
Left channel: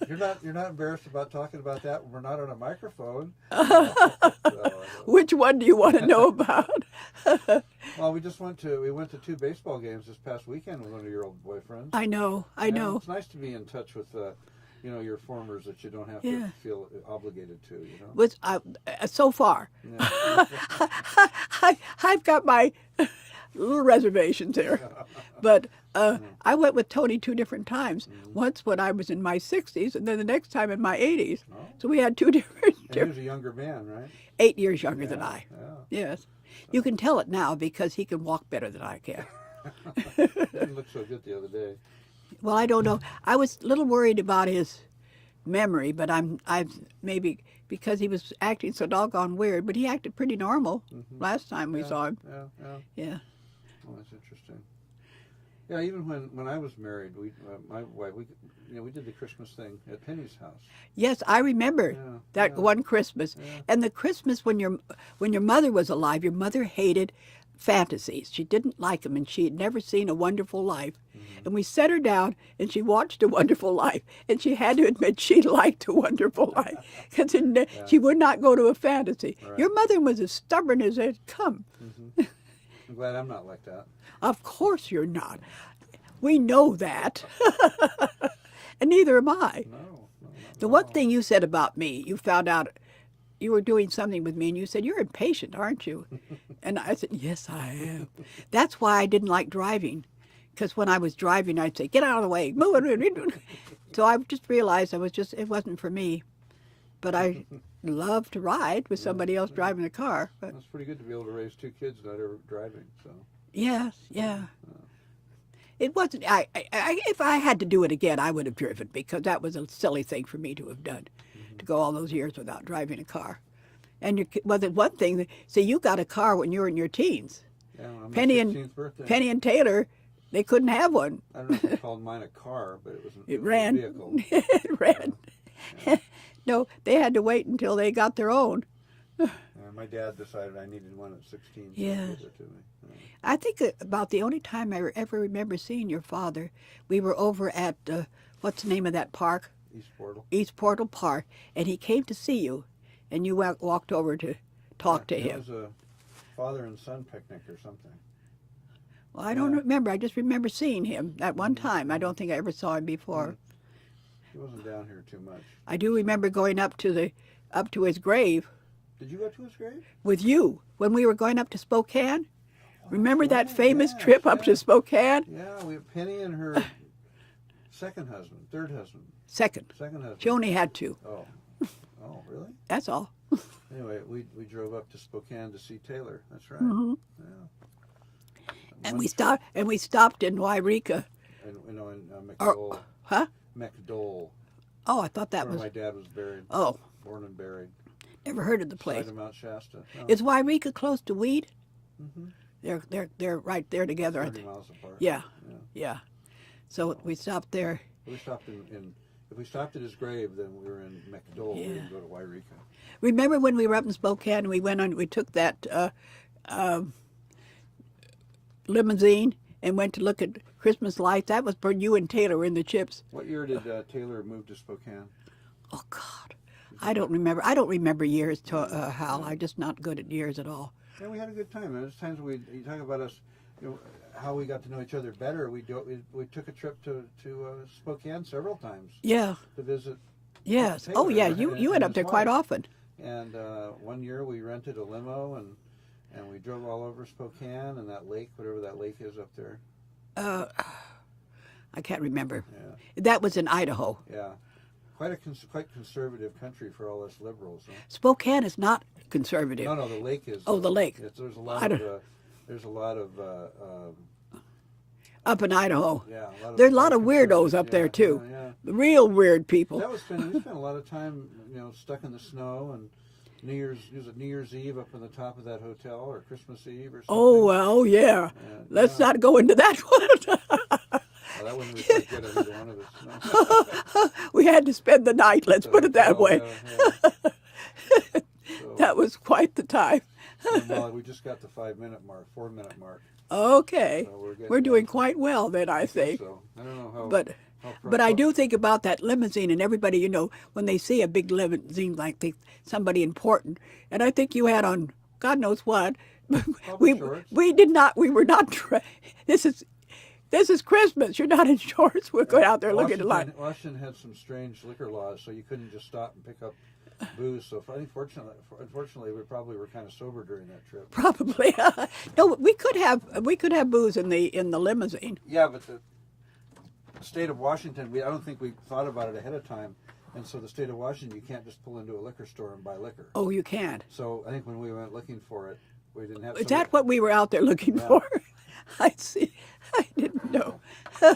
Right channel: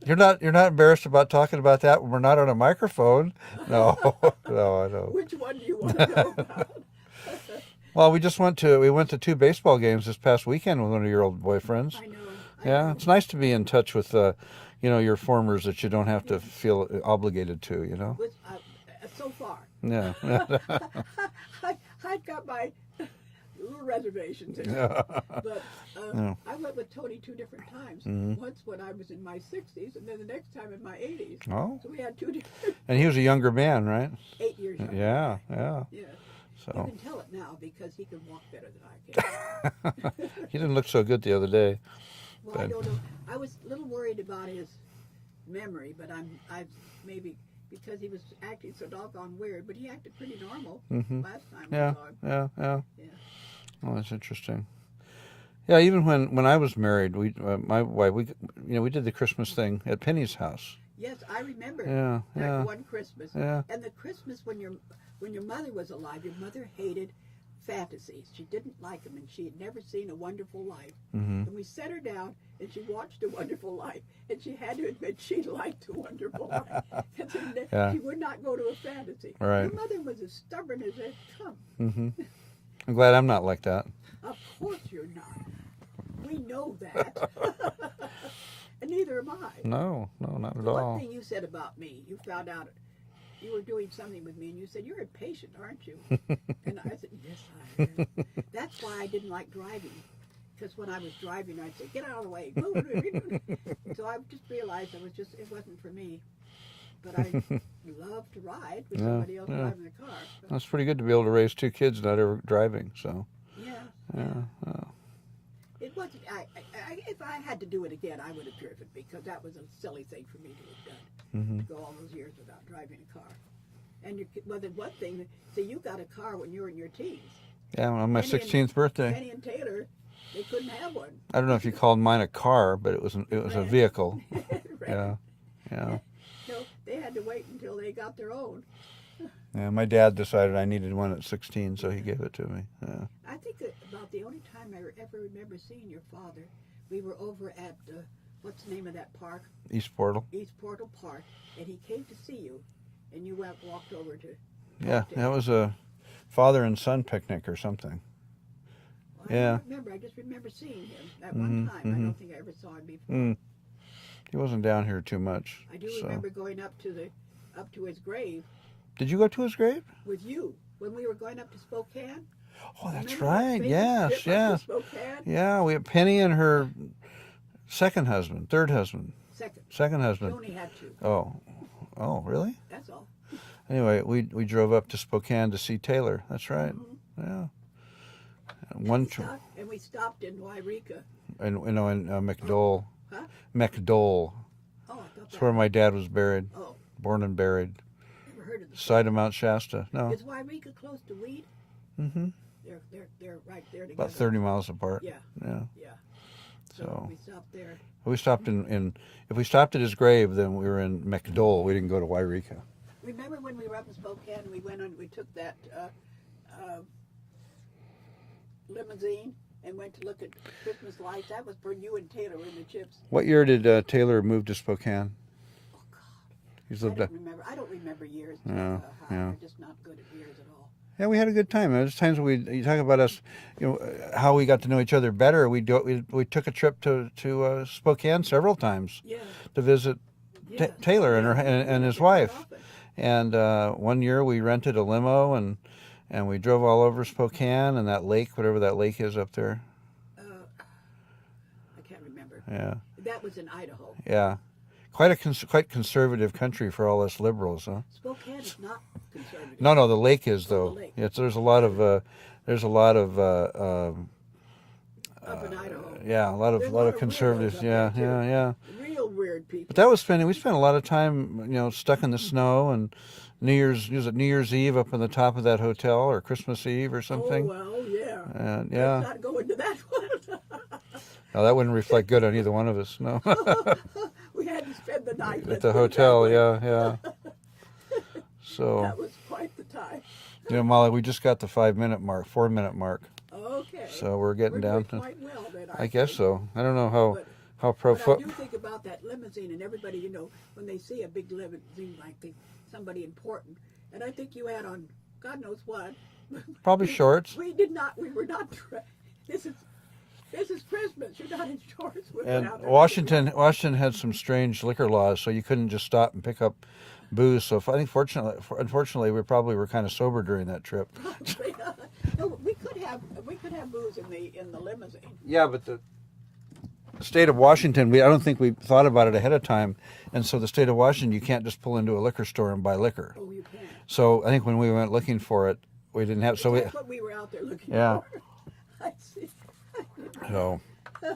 You're not embarrassed about talking about that when we're not on a microphone? No, I don't. Which one do you want to know about? Well, we went to 2 baseball games this past weekend with one of your old boyfriends. I know. It's nice to be in touch with your formers that you don't have to Yeah. feel obligated to, you know. So far, Yeah. I've got my little reservations there. But I went with Tony 2 different times. Mm-hmm. Once when I was in my 60s, and then the next time in my 80s. Oh. So we had 2 different. And he was a younger man, right? 8 years younger than Yeah, I. yeah. Yes. You can tell it now because he can walk better than I can. He didn't look so good the other day. Well, I don't know. I was a little worried about his memory, but I maybe because he was acting so doggone weird. But he acted pretty normal last time we saw him. Yeah. Yeah. Oh, that's interesting. Yeah, even when I was married, my wife, we did the Christmas thing at Penny's house. Yes, I remember that one Christmas. Yeah. And the Christmas when your mother was alive, your mother hated fantasies. She didn't like them, and she had never seen A Wonderful Life. And we set her down, and she watched A Wonderful Life, and she had to admit she liked A Wonderful Life because she would not go to a fantasy. Right. Your mother was as stubborn as they'd come. I'm glad I'm not like that. Of course you're not. We know that. And neither am I. No, not at The all. one thing you said about me, you found out you were doing something with me, and you said, "You're impatient, aren't you?" And I said, "Yes, I am." That's why I didn't like driving, because when I was driving, I'd say, "Get out of the way, move it." So I just realized it wasn't for me. But I love to ride with somebody else driving the car. But That's pretty good to be able to raise 2 kids not ever driving. So. yeah. It wasn't. If I had to do it again, I would have driven because that was a silly thing for me to have done, to go all those years without driving a car. And the one thing. So you got a car when you were in your teens. Yeah, on my Penny 16th birthday. Penny and Taylor, they couldn't have one. I don't know if you called mine a car, but it was a vehicle. It ran. Yeah. No, they had to wait until they got their own. Yeah, my dad decided I needed one at 16, so Yeah. he gave it to me. Yeah. I think about the only time I ever remember seeing your father, we were over at, what's the name of that park? East Portal. East Portal Park, and he came to see you, and you walked over to talk to him. That was a father and son picnic or something. Well, I don't remember. I just remember seeing him that one time. I don't think I ever saw him before. He wasn't down here too much. I do remember going up to his grave Did you go to his grave? with you when we were going up to Spokane. Oh, that's Remember that right. famous Yes, trip up to yes. Spokane? Yeah, we had Penny and her third husband. Second. Second husband. She only had 2. Oh, really? That's all. Anyway, we drove up to Spokane to see Taylor. That's right. Yeah. And we stopped in Wairika. in McDowell. Huh? McDowell. Oh, I thought that That's where was. my dad was buried. Oh, Born and buried. never heard of the place. Side of Mount Shasta. No. Is Wairika close to Weed? Mm-hmm. They're right there about together. 30 miles apart. Yeah. Yeah. Yeah. So we stopped there. We stopped if we stopped at his grave, then we were in McDowell. We didn't go to Wairika. Remember when we were up in Spokane? We took that limousine and went to look at Christmas lights. That was for you and Taylor in the chips. What year did Taylor move to Spokane? Oh God, He's I lived don't up- remember. I don't remember years, Hal. yeah. I'm just not good at years at all. Yeah, we had a good time. There's times you talk about us, how we got to know each other better. We took a trip to Spokane several times Yeah. to visit Yes. Taylor oh, yeah. and, You and went up his there wife. quite often. And one year we rented a limo and we drove all over Spokane and that lake, whatever that lake is up there. I can't remember. Yeah, That was in Idaho. yeah. Quite conservative country for all us liberals, huh? Spokane is not conservative. No, the lake is Oh, though. the lake. There's a lot of Up in Idaho. yeah, a lot of There's a lot of weirdos conservatives. up there, Yeah, too. Yeah. Real weird people. We spent a lot of time, stuck in the snow and New Year's Eve up on the top of that hotel or Christmas Eve or something. Oh, well, yeah. And, Let's not go into that one. Oh, that wouldn't reflect good on either one of us. No. We had to spend the night, At let's the put it that hotel, way. Yeah. So, That was quite the time. Mollie, we just got the 4-minute mark. Okay. So we're getting We're down doing to- quite well then, I I think. guess so. I don't know how But I do think about that limousine and everybody, when they see a big limousine like somebody important. And I think you had on God knows what. Probably shorts. We were not, this is Christmas. You're not in shorts. We're going out there looking at lunch. Washington had some strange liquor laws, so you couldn't just stop and pick up booze. So I think unfortunately, we probably were kind of sober during that trip. Probably. No, we could have booze in the limousine. Yeah, but the state of Washington, I don't think we thought about it ahead of time, and so the state of Washington, you can't just pull into a liquor store and buy liquor. Oh, you can't. So I think when we went looking for it, we didn't have. Is So that what we were out there looking Yeah. for? I see. I didn't know. no.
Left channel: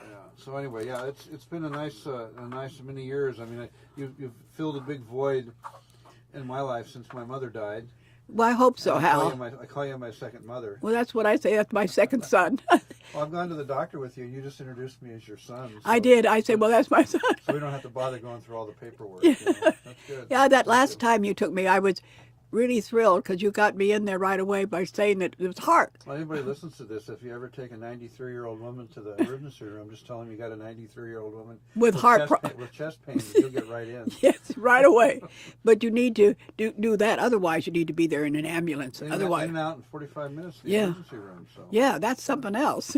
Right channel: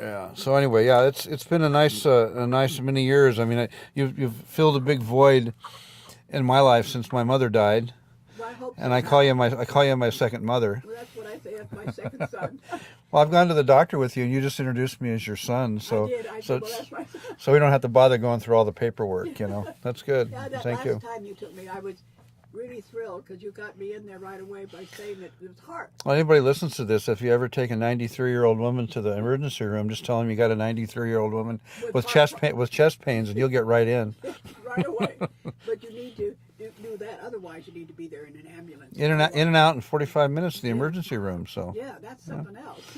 Yeah. So anyway, yeah, it's been a nice many years. I mean, you've filled a big void in my life since my mother died, Well, I hope so. and Hal. I call you my second mother. Well, that's what I say. That's my second son. Well, I've gone to the doctor with you, and you just introduced me as your son. So, I did. I said, well, that's my son. so we don't have to bother going through all the paperwork. That's good. Yeah, that Thank last you. time you took me, I was really thrilled because you got me in there right away by saying that it was hard. Well, anybody listens to this, if you ever take a 93-year-old woman to the emergency room, just tell them you got a 93-year-old woman With heart with chest pains, and you'll get right in. Yes, right away. But you need to do that. Otherwise, you need to be there in an ambulance. In and out in 45 minutes in the Yeah. emergency room. So Yeah, that's something else.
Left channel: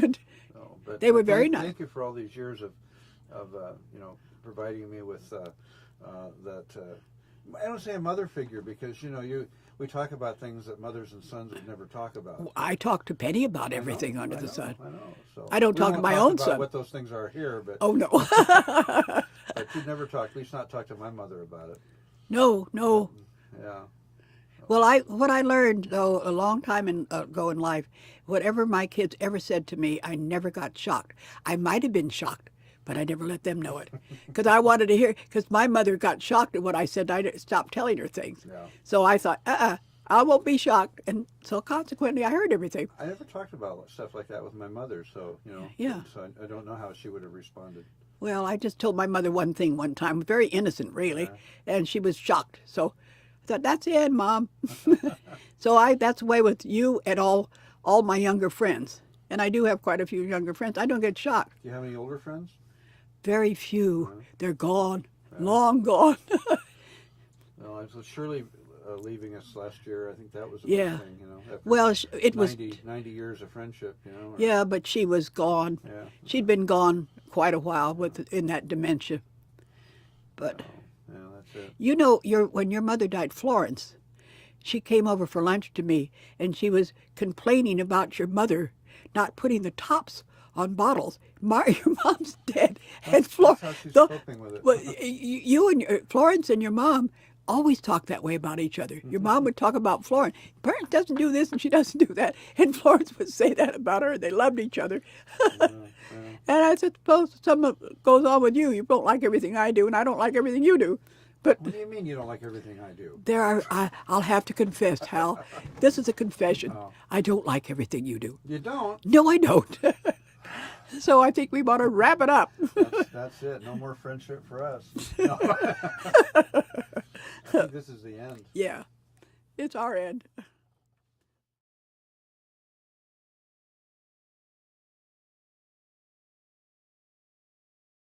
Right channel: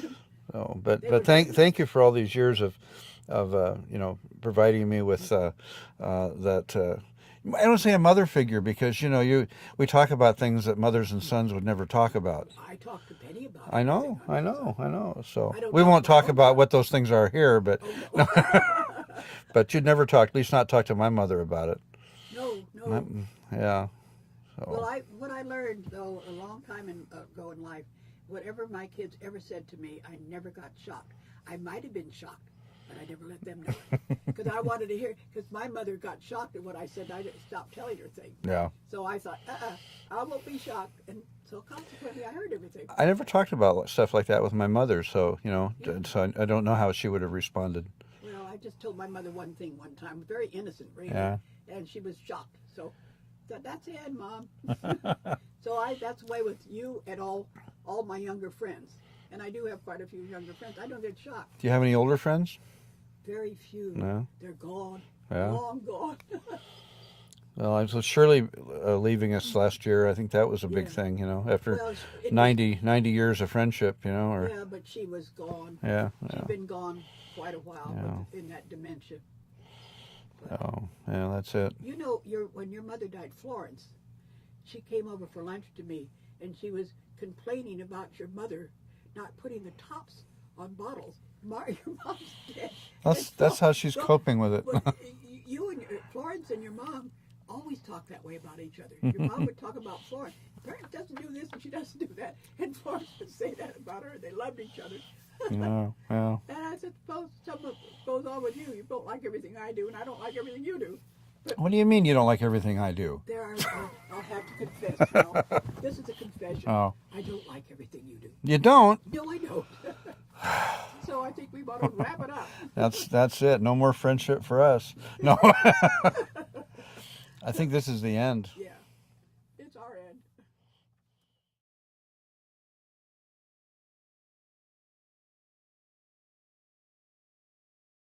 So, but They were very nice. thank you for all these years of providing me with that. I don't say a mother figure because we talk about things that mothers and sons would never talk about. I talked to Penny about I know, everything under I the know, sun. I know. So I don't we talk won't to my talk own about son. what those things are here, but Oh, no. but you'd never talk, at least not talk to my mother about it. No. Yeah. Well, what I learned, though, a long time ago in life, whatever my kids ever said to me, I never got shocked. I might have been shocked, but I never let them know it. Because I wanted to hear, because my mother got shocked at what I said. I stopped telling her things. Yeah. So I thought, I won't be shocked. And so consequently, I heard everything. I never talked about stuff like that with my mother, so, Yeah. so I don't know how she would have responded. Well, I just told my mother one thing one time, very innocent, really, Yeah. and she was shocked. So I thought, that's it, Mom. So that's the way with you and all my younger friends. And I do have quite a few younger friends. I don't get shocked. Do you have any older friends? Very few. No. They're gone, Yeah. long gone. Well, I was Shirley leaving us last year. I think that was a big Yeah. thing, after Well, it was, 90 years of friendship, or, yeah, but she was gone. Yeah. She'd been gone quite a while in that dementia. But Oh, yeah, that's it. when your mother died, Florence, she came over for lunch to me, and she was complaining about your mother not putting the tops on bottles. Your mom's dead. That's how she's coping with it. Well, you and Florence and your mom always talk that way about each other. Your mom would talk about Florence. Florence doesn't do this and she doesn't do that. And Florence would say that about her. They loved each other. Yeah. And I suppose something goes on with you. You don't like everything I do, and I don't like everything you do. But What do you mean you don't like everything I do? I'll have to confess, Hal. This is a confession. Oh. I don't like everything you do. You don't? No, I don't. So I think we want to wrap it up. That's it. No more friendship for us. No. I think this is the end. Yeah, it's our end.